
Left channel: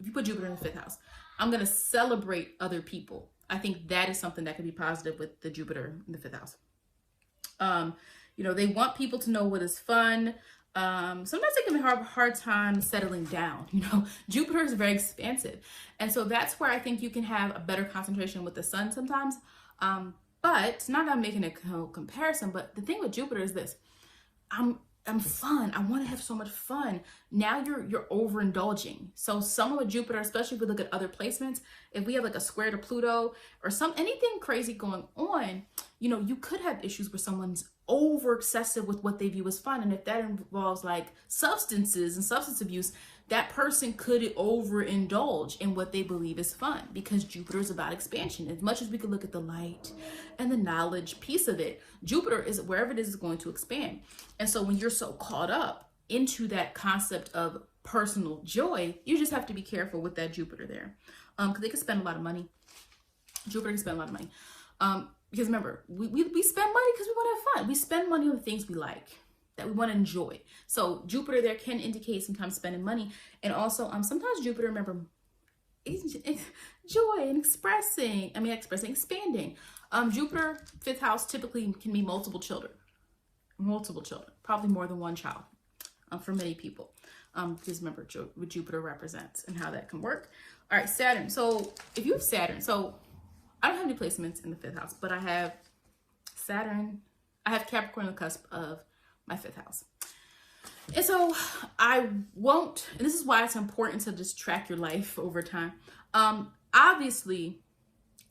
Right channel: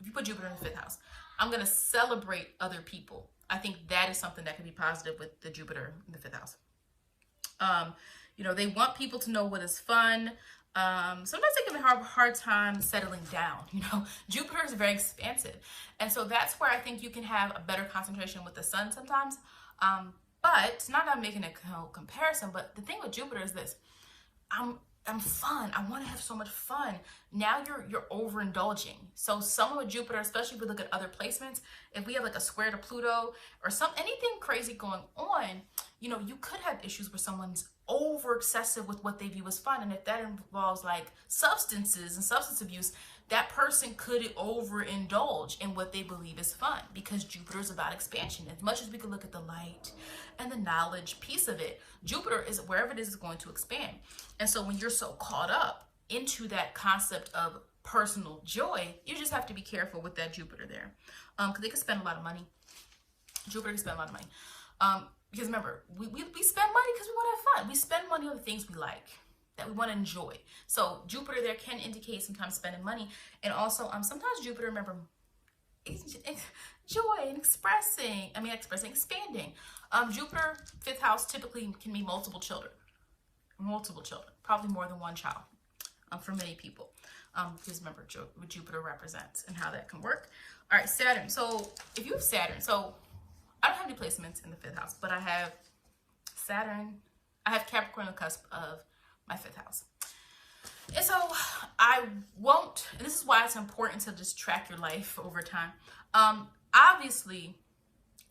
If you put Jupiter in the 5th house, I'm going to celebrate other people. I think that is something that could be positive with the Jupiter in the 5th house. You know, they want people to know what is fun. Sometimes they can have a hard time settling down. You know, Jupiter is very expansive. And so that's where I think you can have a better concentration with the sun sometimes. But it's not that I'm making a comparison, but the thing with Jupiter is this. I'm fun. I want to have so much fun. Now you're overindulging. So someone with Jupiter, especially if we look at other placements, if we have like a square to Pluto or anything crazy going on, you know, you could have issues where someone's over excessive with what they view as fun. And if that involves like substances and substance abuse, that person could overindulge in what they believe is fun, because Jupiter is about expansion. As much as we could look at the light and the knowledge piece of it, Jupiter is wherever it is going to expand. And so when you're so caught up into that concept of personal joy, you just have to be careful with that Jupiter there, because they can spend a lot of money. Jupiter can spend a lot of money. Because remember, we spend money because we want to have fun. We spend money on the things we like, that we want to enjoy. So Jupiter there can indicate sometimes spending money. And also, sometimes Jupiter, remember, is joy and expanding. Jupiter, 5th house, typically can be multiple children, probably more than one child, for many people. Because remember what Jupiter represents and how that can work. All right, Saturn. So if you have Saturn, so I don't have any placements in the 5th house, but I have Saturn. I have Capricorn on the cusp of my 5th house. And so I won't, and this is why it's important to just track your life over time. Obviously,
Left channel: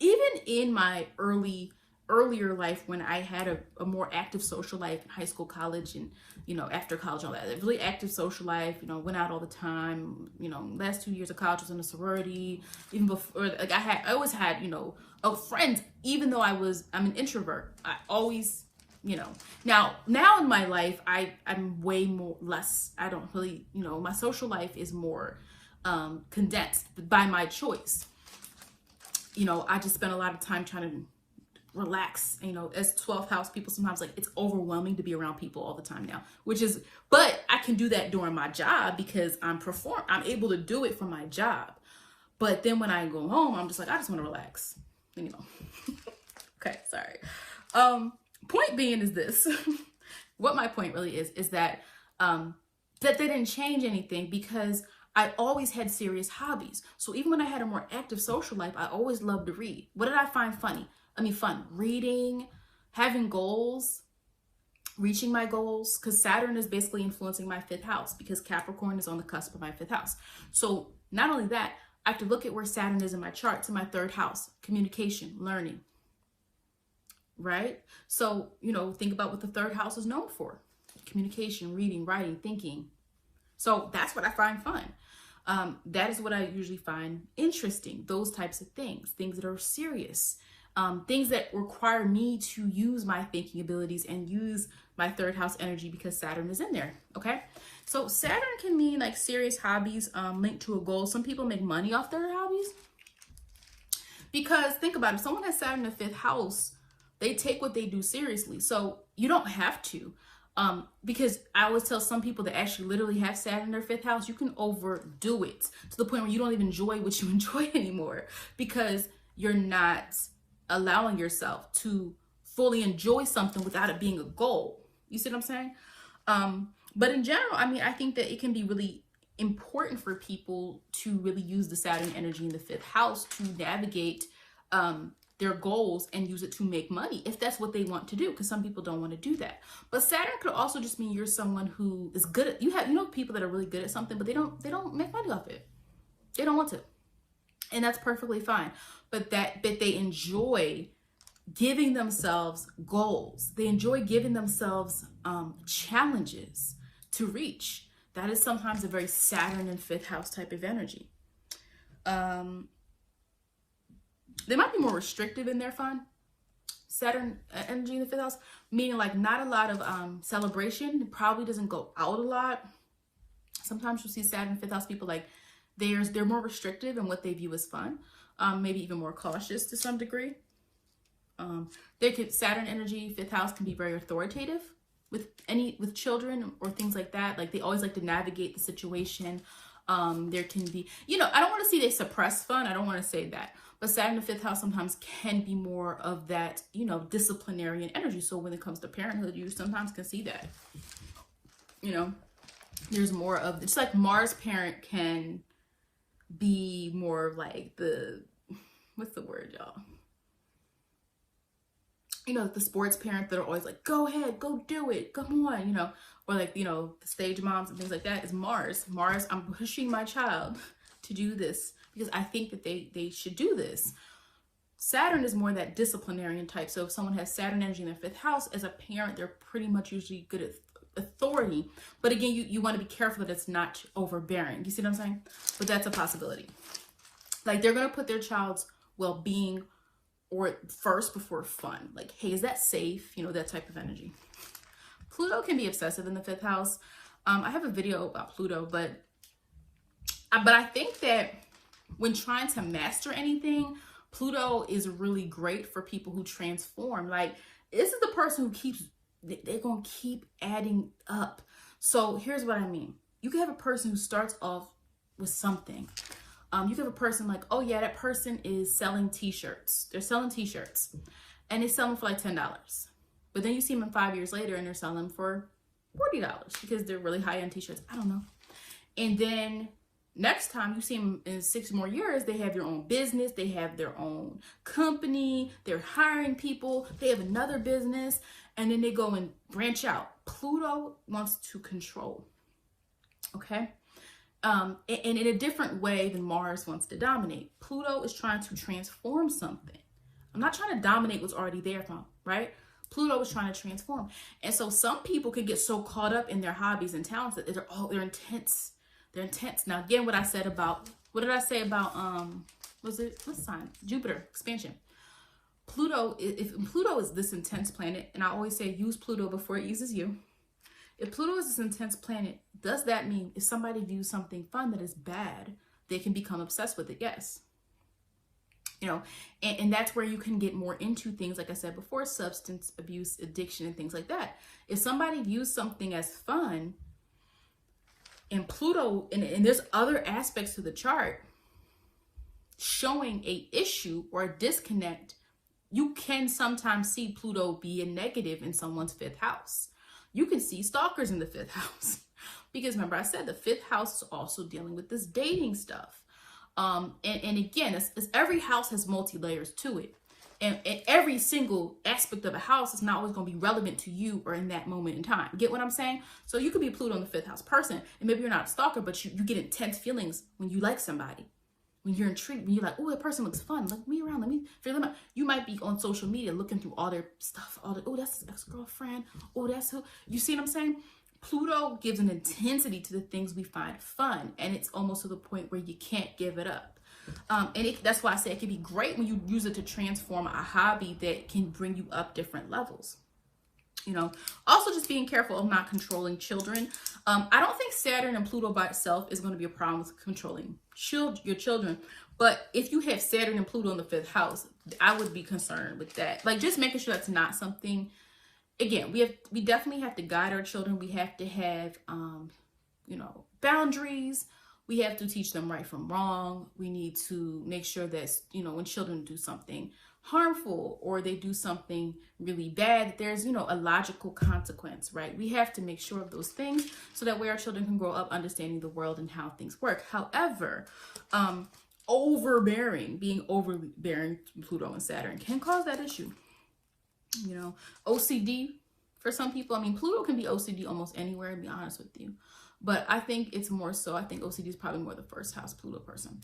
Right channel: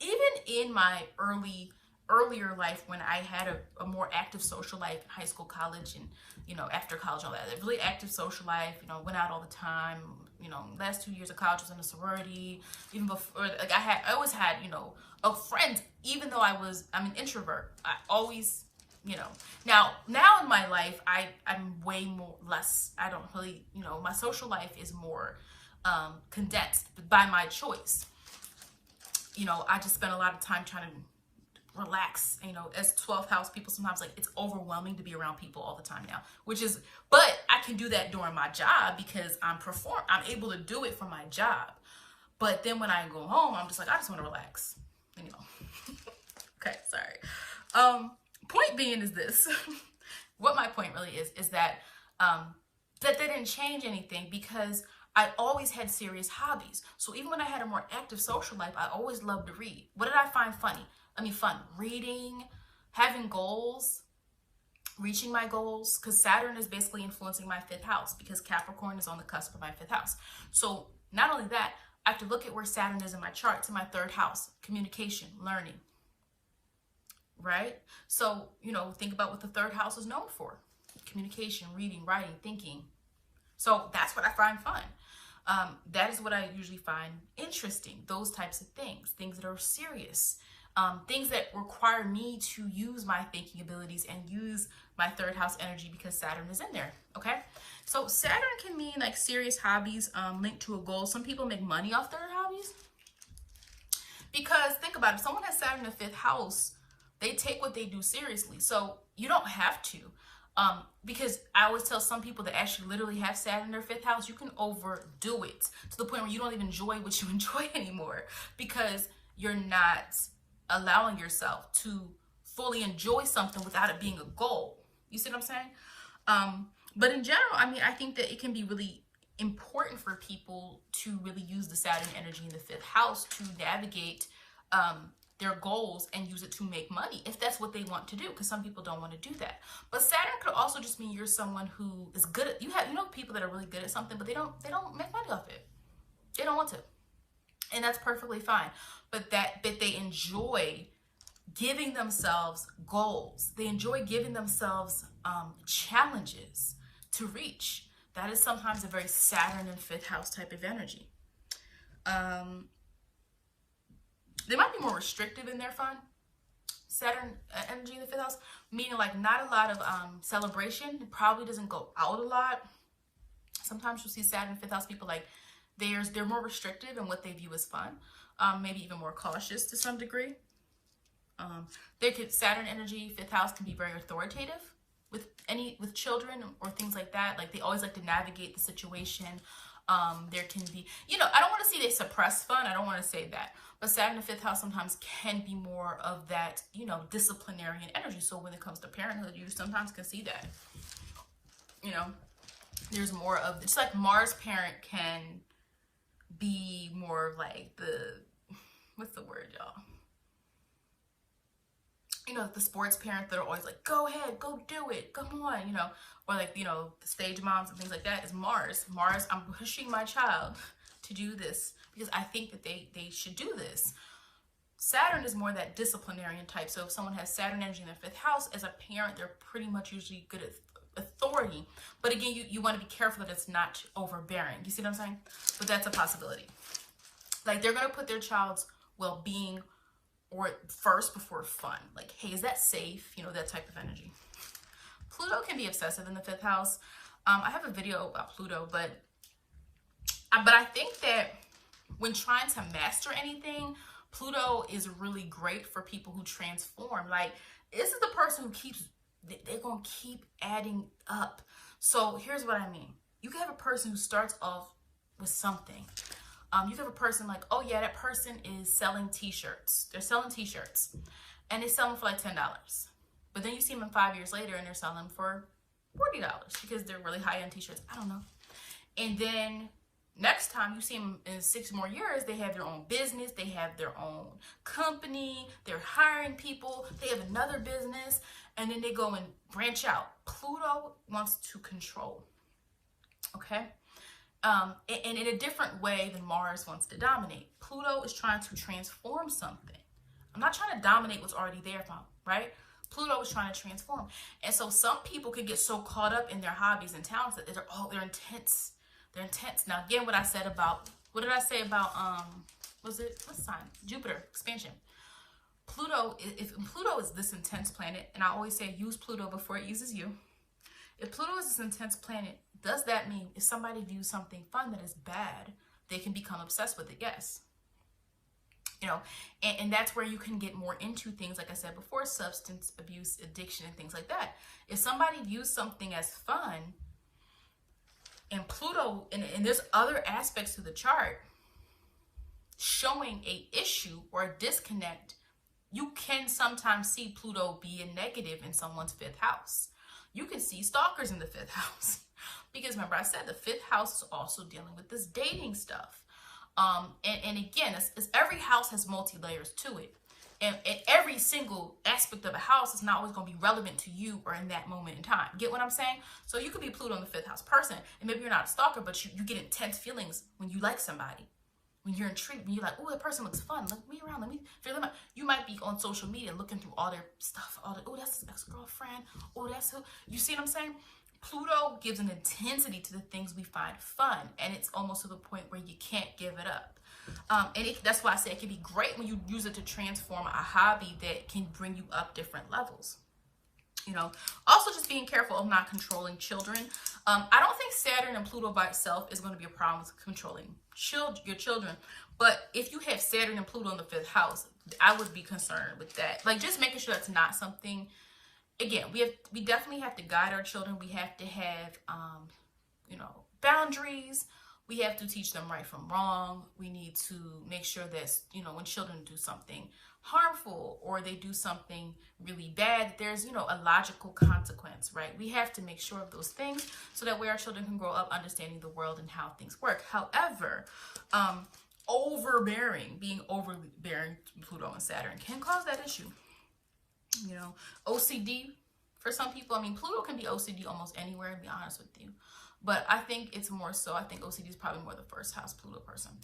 even in my earlier life, when I had a more active social life, high school, college, and, you know, after college, all that, a really active social life, you know, went out all the time, you know, last 2 years of college was in a sorority, even before, like I always had, you know, friends, even though I'm an introvert, I always, you know, now in my life, I'm way less, I don't really, you know, my social life is more condensed by my choice. You know, I just spend a lot of time trying to relax. You know, as 12th house people, sometimes like it's overwhelming to be around people all the time now, but I can do that during my job because I'm able to do it for my job. But then when I go home, I'm just like, I just want to relax, you know. Okay, sorry. Point being is this. What my point really is that that they didn't change anything, because I always had serious hobbies. So even when I had a more active social life, I always loved to read. What did I find fun? Reading, having goals, reaching my goals, because Saturn is basically influencing my 5th house, because Capricorn is on the cusp of my 5th house. So not only that, I have to look at where Saturn is in my chart, to my 3rd house, communication, learning, right? So, you know, think about what the 3rd house is known for: communication, reading, writing, thinking. So that's what I find fun. That is what I usually find interesting, those types of things that are serious, things that require me to use my thinking abilities and use my 3rd house energy, because Saturn is in there, okay? So Saturn can mean like serious hobbies linked to a goal. Some people make money off their hobbies, because think about it, if someone has Saturn in the 5th house, they take what they do seriously. So you don't have to. Because I always tell some people that actually literally have Saturn in their 5th house, you can overdo it to the point where you don't even enjoy what you enjoy anymore, because you're not allowing yourself to fully enjoy something without it being a goal. You see what I'm saying? But in general, I mean, I think that it can be really important for people to really use the Saturn energy in the 5th house to navigate their goals and use it to make money, if that's what they want to do, because some people don't want to do that. But Saturn could also just mean you're someone who is good at, you know, people that are really good at something, but they don't make money off it. They don't want to. And that's perfectly fine. But that they enjoy giving themselves goals. They enjoy giving themselves challenges to reach. That is sometimes a very Saturn and 5th house type of energy. They might be more restrictive in their fun. Saturn energy in the 5th house, meaning like not a lot of celebration. It probably doesn't go out a lot. Sometimes you see Saturn 5th house people like they're more restrictive in what they view as fun, maybe even more cautious to some degree. Saturn energy 5th house can be very authoritative with children or things like that. Like they always like to navigate the situation. There can be, I don't want to say they suppress fun. I don't want to say that. But Saturn in the 5th house sometimes can be more of that, disciplinarian energy. So when it comes to parenthood, you sometimes can see that. There's more of, it's like Mars parent can be more like what's the word, y'all? The sports parents that are always like, go ahead, go do it, come on, or like, the stage moms and things like that is Mars. Mars, I'm pushing my child to do this because I think that they should do this. Saturn is more that disciplinarian type. So if someone has Saturn energy in their 5th house, as a parent, they're pretty much usually good at authority. But again, you want to be careful that it's not overbearing. You see what I'm saying? But that's a possibility. Like they're going to put their child's well-being or first before fun. Like, hey, is that safe? That type of energy. Pluto can be obsessive in the 5th house. I have a video about Pluto, but I think that when trying to master anything, Pluto is really great for people who transform. Like, this is the person who they're going to keep adding up. So here's what I mean. You can have a person who starts off with something. You can have a person like, oh yeah, that person is selling t-shirts. They're selling t-shirts and they sell them for like $10. But then you see them 5 years later and they're selling for $40 because they're really high-end t-shirts. I don't know. And then next time you see them in 6 more years, they have their own business. They have their own company. They're hiring people. They have another business. And then they go and branch out. Pluto wants to control. Okay? And in a different way than Mars wants to dominate. Pluto is trying to transform something. I'm not trying to dominate what's already there, right? Pluto is trying to transform. And so some people can get so caught up in their hobbies and talents that they're intense. They're intense. Now, again, what did I say about, what sign? Jupiter, expansion. Pluto, if Pluto is this intense planet, and I always say use Pluto before it uses you. If Pluto is this intense planet, does that mean if somebody views something fun that is bad, they can become obsessed with it? Yes. And that's where you can get more into things, like I said before, substance abuse, addiction, and things like that. If somebody views something as fun, and Pluto, and there's other aspects to the chart showing a issue or a disconnect, you can sometimes see Pluto be a negative in someone's 5th house. You can see stalkers in the 5th house. Because remember, I said the 5th house is also dealing with this dating stuff. And again, it's every house has multi-layers to it. And every single aspect of a house is not always going to be relevant to you or in that moment in time. Get what I'm saying? So you could be a Pluto in the 5th house person, and maybe you're not a stalker, but you get intense feelings when you like somebody. When you're intrigued, when you're like, oh, that person looks fun. Let me around. Let me figure them out. You might be on social media looking through all their stuff. Oh, that's his ex-girlfriend. Oh, that's who. You see what I'm saying? Pluto gives an intensity to the things we find fun. And it's almost to the point where you can't give it up. That's why I say it can be great when you use it to transform a hobby that can bring you up different levels. Also just being careful of not controlling children. I don't think Saturn and Pluto by itself is going to be a problem with controlling your children. But if you have Saturn and Pluto in the 5th house, I would be concerned with that. Like just making sure that's not something. Again, we definitely have to guide our children. We have to have, boundaries. We have to teach them right from wrong. We need to make sure that, when children do something harmful or they do something really bad, there's, a logical consequence, right? We have to make sure of those things so that way our children can grow up understanding the world and how things work. However, being overbearing, Pluto and Saturn can cause that issue. OCD for some people. I mean, Pluto can be OCD almost anywhere, to be honest with you. But I think it's more so, I think OCD is probably more the 1st house Pluto person.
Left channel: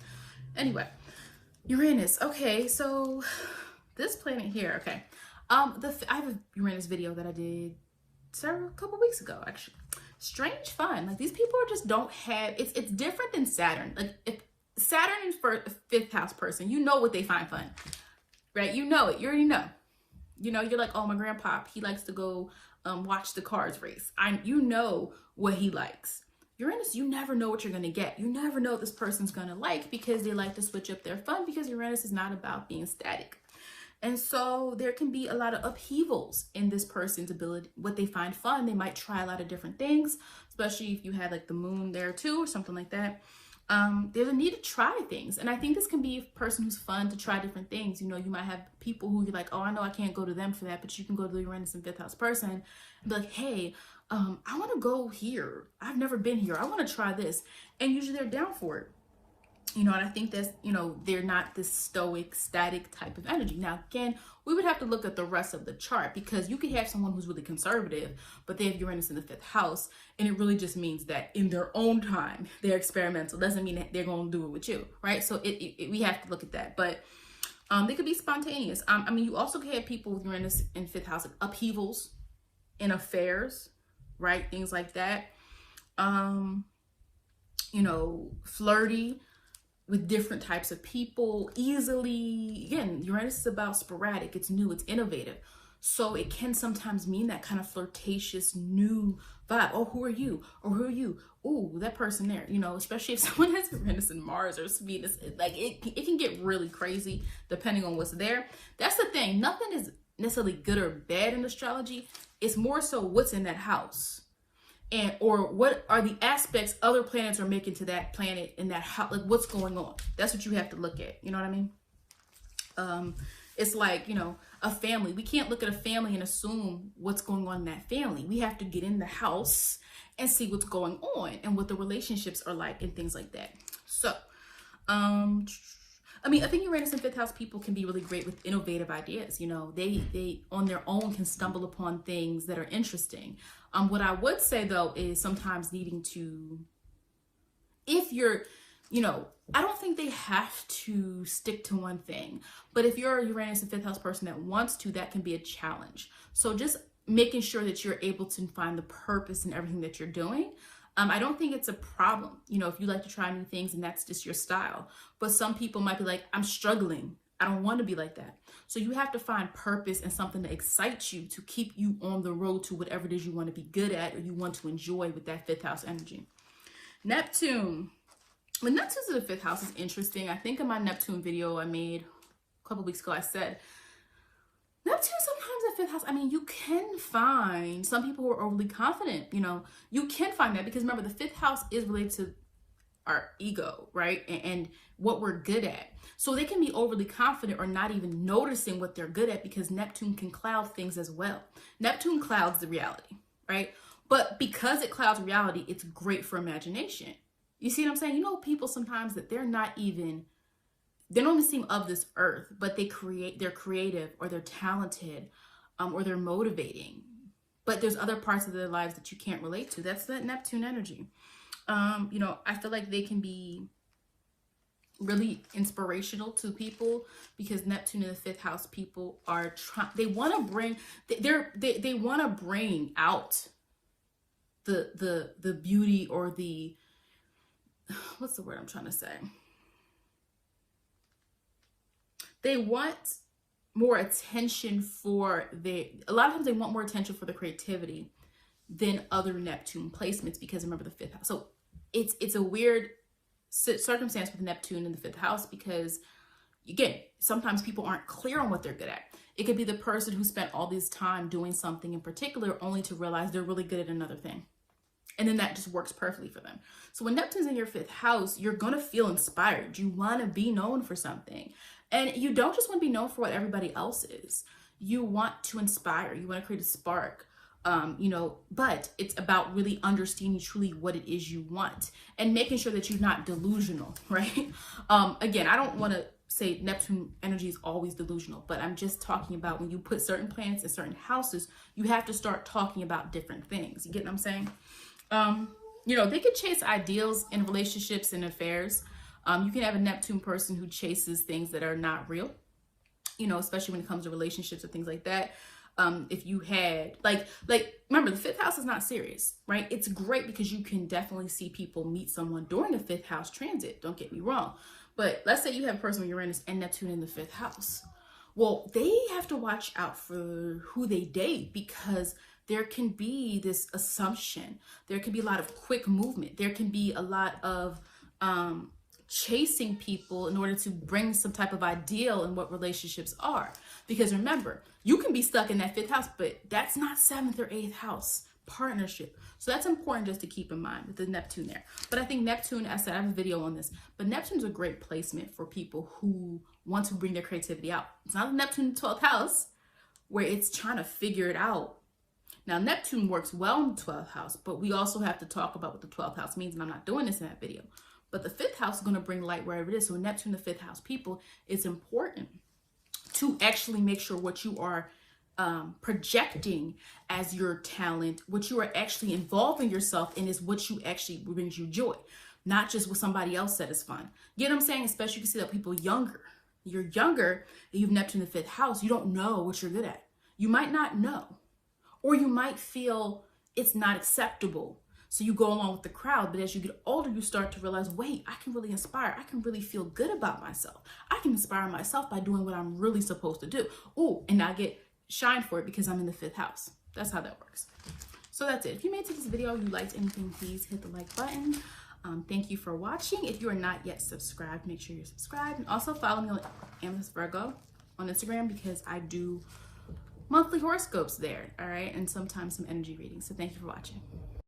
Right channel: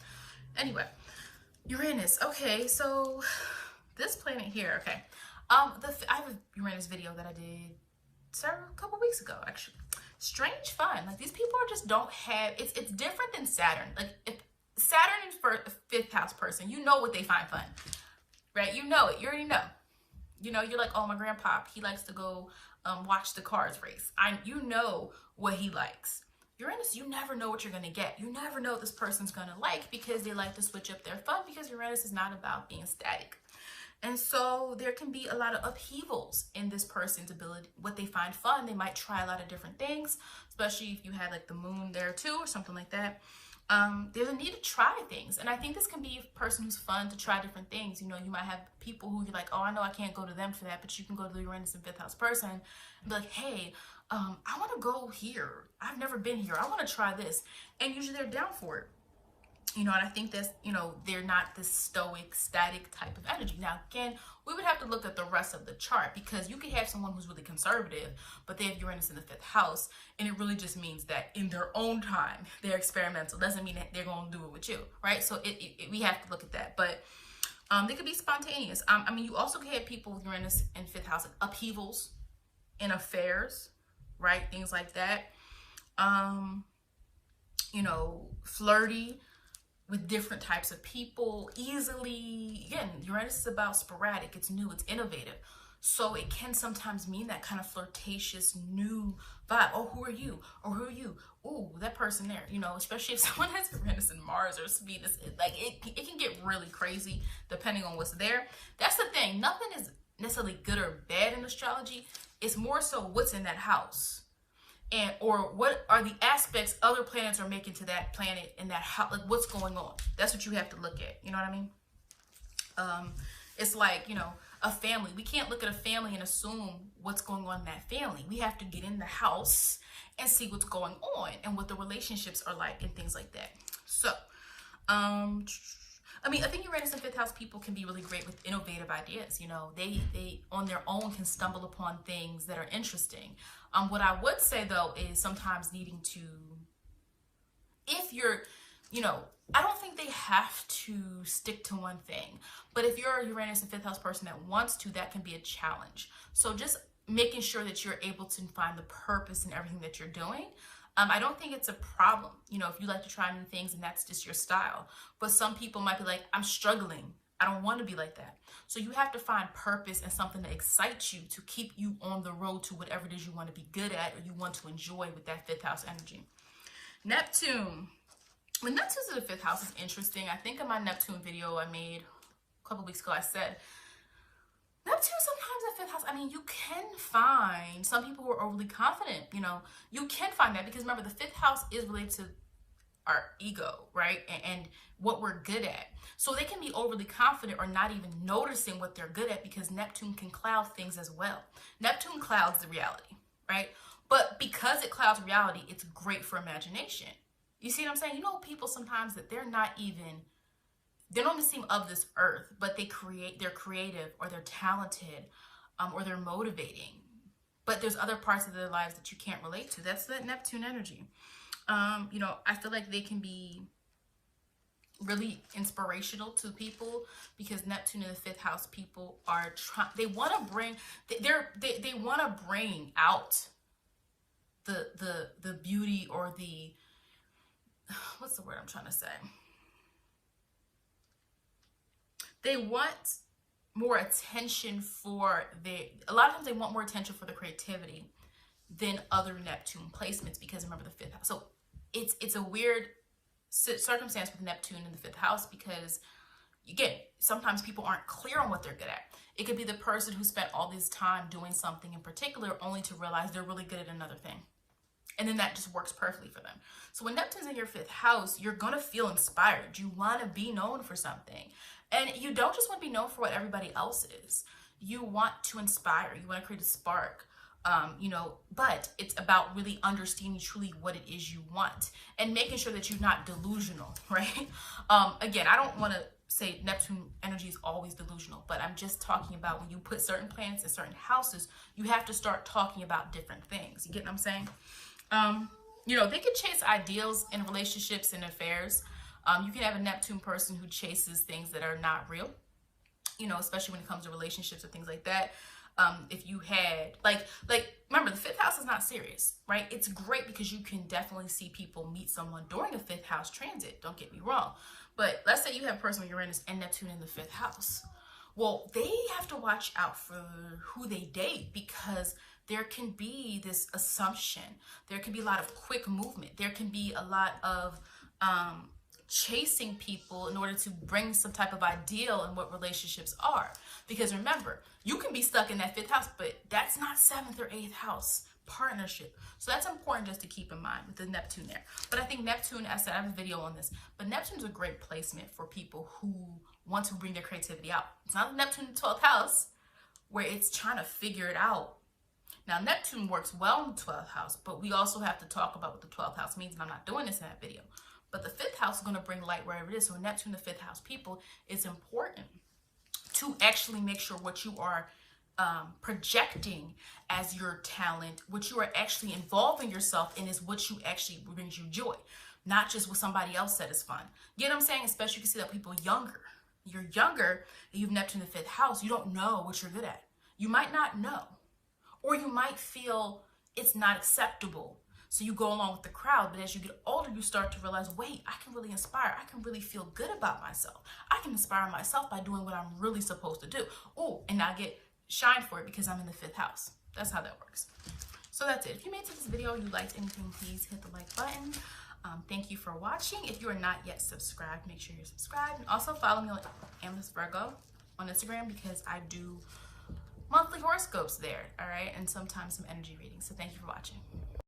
Anyway, Uranus. Okay, so this planet here, okay. I have a Uranus video that I did a couple weeks ago, actually. Strange fun. Like, these people just don't have, it's different than Saturn. Like, if Saturn is for a 5th house person, you know what they find fun, right? You know it. You already know. You know, you're like, oh, my grandpa, he likes to go watch the cars race. You know what he likes. Uranus, you never know what you're going to get. You never know what this person's going to like, because they like to switch up their fun, because Uranus is not about being static. And so there can be a lot of upheavals in this person's ability, what they find fun. They might try a lot of different things, especially if you have like the moon there too, or something like that. There's a need to try things. And I think this can be a person who's fun to try different things. You know, you might have people who you're like, oh, I know I can't go to them for that, but you can go to the Uranus and fifth house person and be like, hey, I want to go here. I've never been here. I want to try this. And usually they're down for it. You know, and I think that's, you know, they're not this stoic, static type of energy. Now, again, we would have to look at the rest of the chart, because you could have someone who's really conservative, but they have Uranus in the fifth house, and it really just means that in their own time, they're experimental. Doesn't mean that they're going to do it with you, right? So we have to look at that. But they could be spontaneous. I mean, you also could have people with Uranus in fifth house, like upheavals in affairs, right? Things like that. You know, flirty with different types of people easily. Again, Uranus is about sporadic, it's new, it's innovative. So it can sometimes mean that kind of flirtatious new vibe. Oh, who are you? Or who are you? Oh, that person there, you know, especially if someone has Uranus and Mars or Venus, like it can get really crazy depending on what's there. That's the thing. Nothing is necessarily good or bad in astrology. It's more so what's in that house. And or what are the aspects other planets are making to that planet in that house, like what's going on. That's what you have to look at. You know what I mean? It's like, you know, a family. We can't look at a family and assume what's going on in that family. We have to get in the house and see what's going on and what the relationships are like and things like that. So, I mean, I think Uranus and fifth house people can be really great with innovative ideas. You know, they on their own can stumble upon things that are interesting. What I would say though is sometimes needing to, if you're, you know, I don't think they have to stick to one thing, but if you're a Uranus and fifth house person that wants to, that can be a challenge. So just making sure that you're able to find the purpose in everything that you're doing. I don't think it's a problem, you know, if you like to try new things and that's just your style. But some people might be like, I'm struggling. I don't want to be like that. So you have to find purpose and something that excites you to keep you on the road to whatever it is you want to be good at or you want to enjoy with that fifth house energy. Neptune. When Neptune's in the fifth house is interesting. I think in my Neptune video I made a couple weeks ago, I said, Neptune sometimes in fifth house, I mean, you can find some people who are overly confident, you know, you can find that because remember, the fifth house is related to our ego, right? And what we're good at. So they can be overly confident or not even noticing what they're good at because Neptune can cloud things as well. Neptune clouds the reality, right? But because it clouds reality, it's great for imagination. You see what I'm saying? You know, people sometimes that they don't even seem of this earth, but they're creative or they're talented or they're motivating. But there's other parts of their lives that you can't relate to. That's that Neptune energy. You know, I feel like they can be really inspirational to people because Neptune in the fifth house people are they want to bring out the beauty or the, what's the word I'm trying to say? They want more attention for a lot of times they want more attention for the creativity than other Neptune placements because remember the fifth house. So it's a weird circumstance with Neptune in the fifth house because, again, sometimes people aren't clear on what they're good at. It could be the person who spent all this time doing something in particular only to realize they're really good at another thing. And then that just works perfectly for them. So when Neptune's in your fifth house, you're going to feel inspired. You want to be known for something. And you don't just want to be known for what everybody else is. You want to inspire. You want to create a spark. You know, but it's about really understanding truly what it is you want and making sure that you're not delusional, right? Again, I don't want to say Neptune energy is always delusional, but I'm just talking about when you put certain planets in certain houses, you have to start talking about different things. You get what I'm saying? You know, they can chase ideals in relationships and affairs. You can have a Neptune person who chases things that are not real, you know, especially when it comes to relationships and things like that. If you had like remember the fifth house is not serious, right? It's great because you can definitely see people meet someone during the fifth house transit. Don't get me wrong. But let's say you have a person with Uranus and Neptune in the fifth house. Well, they have to watch out for who they date, because there can be this assumption. There can be a lot of quick movement. There can be a lot of chasing people in order to bring some type of ideal in what relationships are. Because remember, you can be stuck in that 5th house, but that's not 7th or 8th house partnership. So that's important just to keep in mind with the Neptune there. But I think Neptune, as I said, I have a video on this, but Neptune's a great placement for people who want to bring their creativity out. It's not Neptune in the 12th house where it's trying to figure it out. Now, Neptune works well in the 12th house, but we also have to talk about what the 12th house means, and I'm not doing this in that video. But the 5th house is going to bring light wherever it is. So Neptune, the 5th house people, it's important to actually make sure what you are projecting as your talent, what you are actually involving yourself in, is what you actually brings you joy, not just what somebody else said is fun. You know what I'm saying? Especially you can see that people younger. You're younger and you've Neptune in the 5th house. You don't know what you're good at. You might not know, or you might feel it's not acceptable. So you go along with the crowd, but as you get older, you start to realize, wait, I can really inspire. I can really feel good about myself. I can inspire myself by doing what I'm really supposed to do. Oh, and I get shine for it because I'm in the 5th house. That's how that works. So that's it. If you made it to this video, you liked anything, please hit the like button. Thank you for watching. If you are not yet subscribed, make sure you're subscribed. And also follow me on Amethyst Virgo on Instagram, because I do monthly horoscopes there, all right? And sometimes some energy readings. So thank you for watching.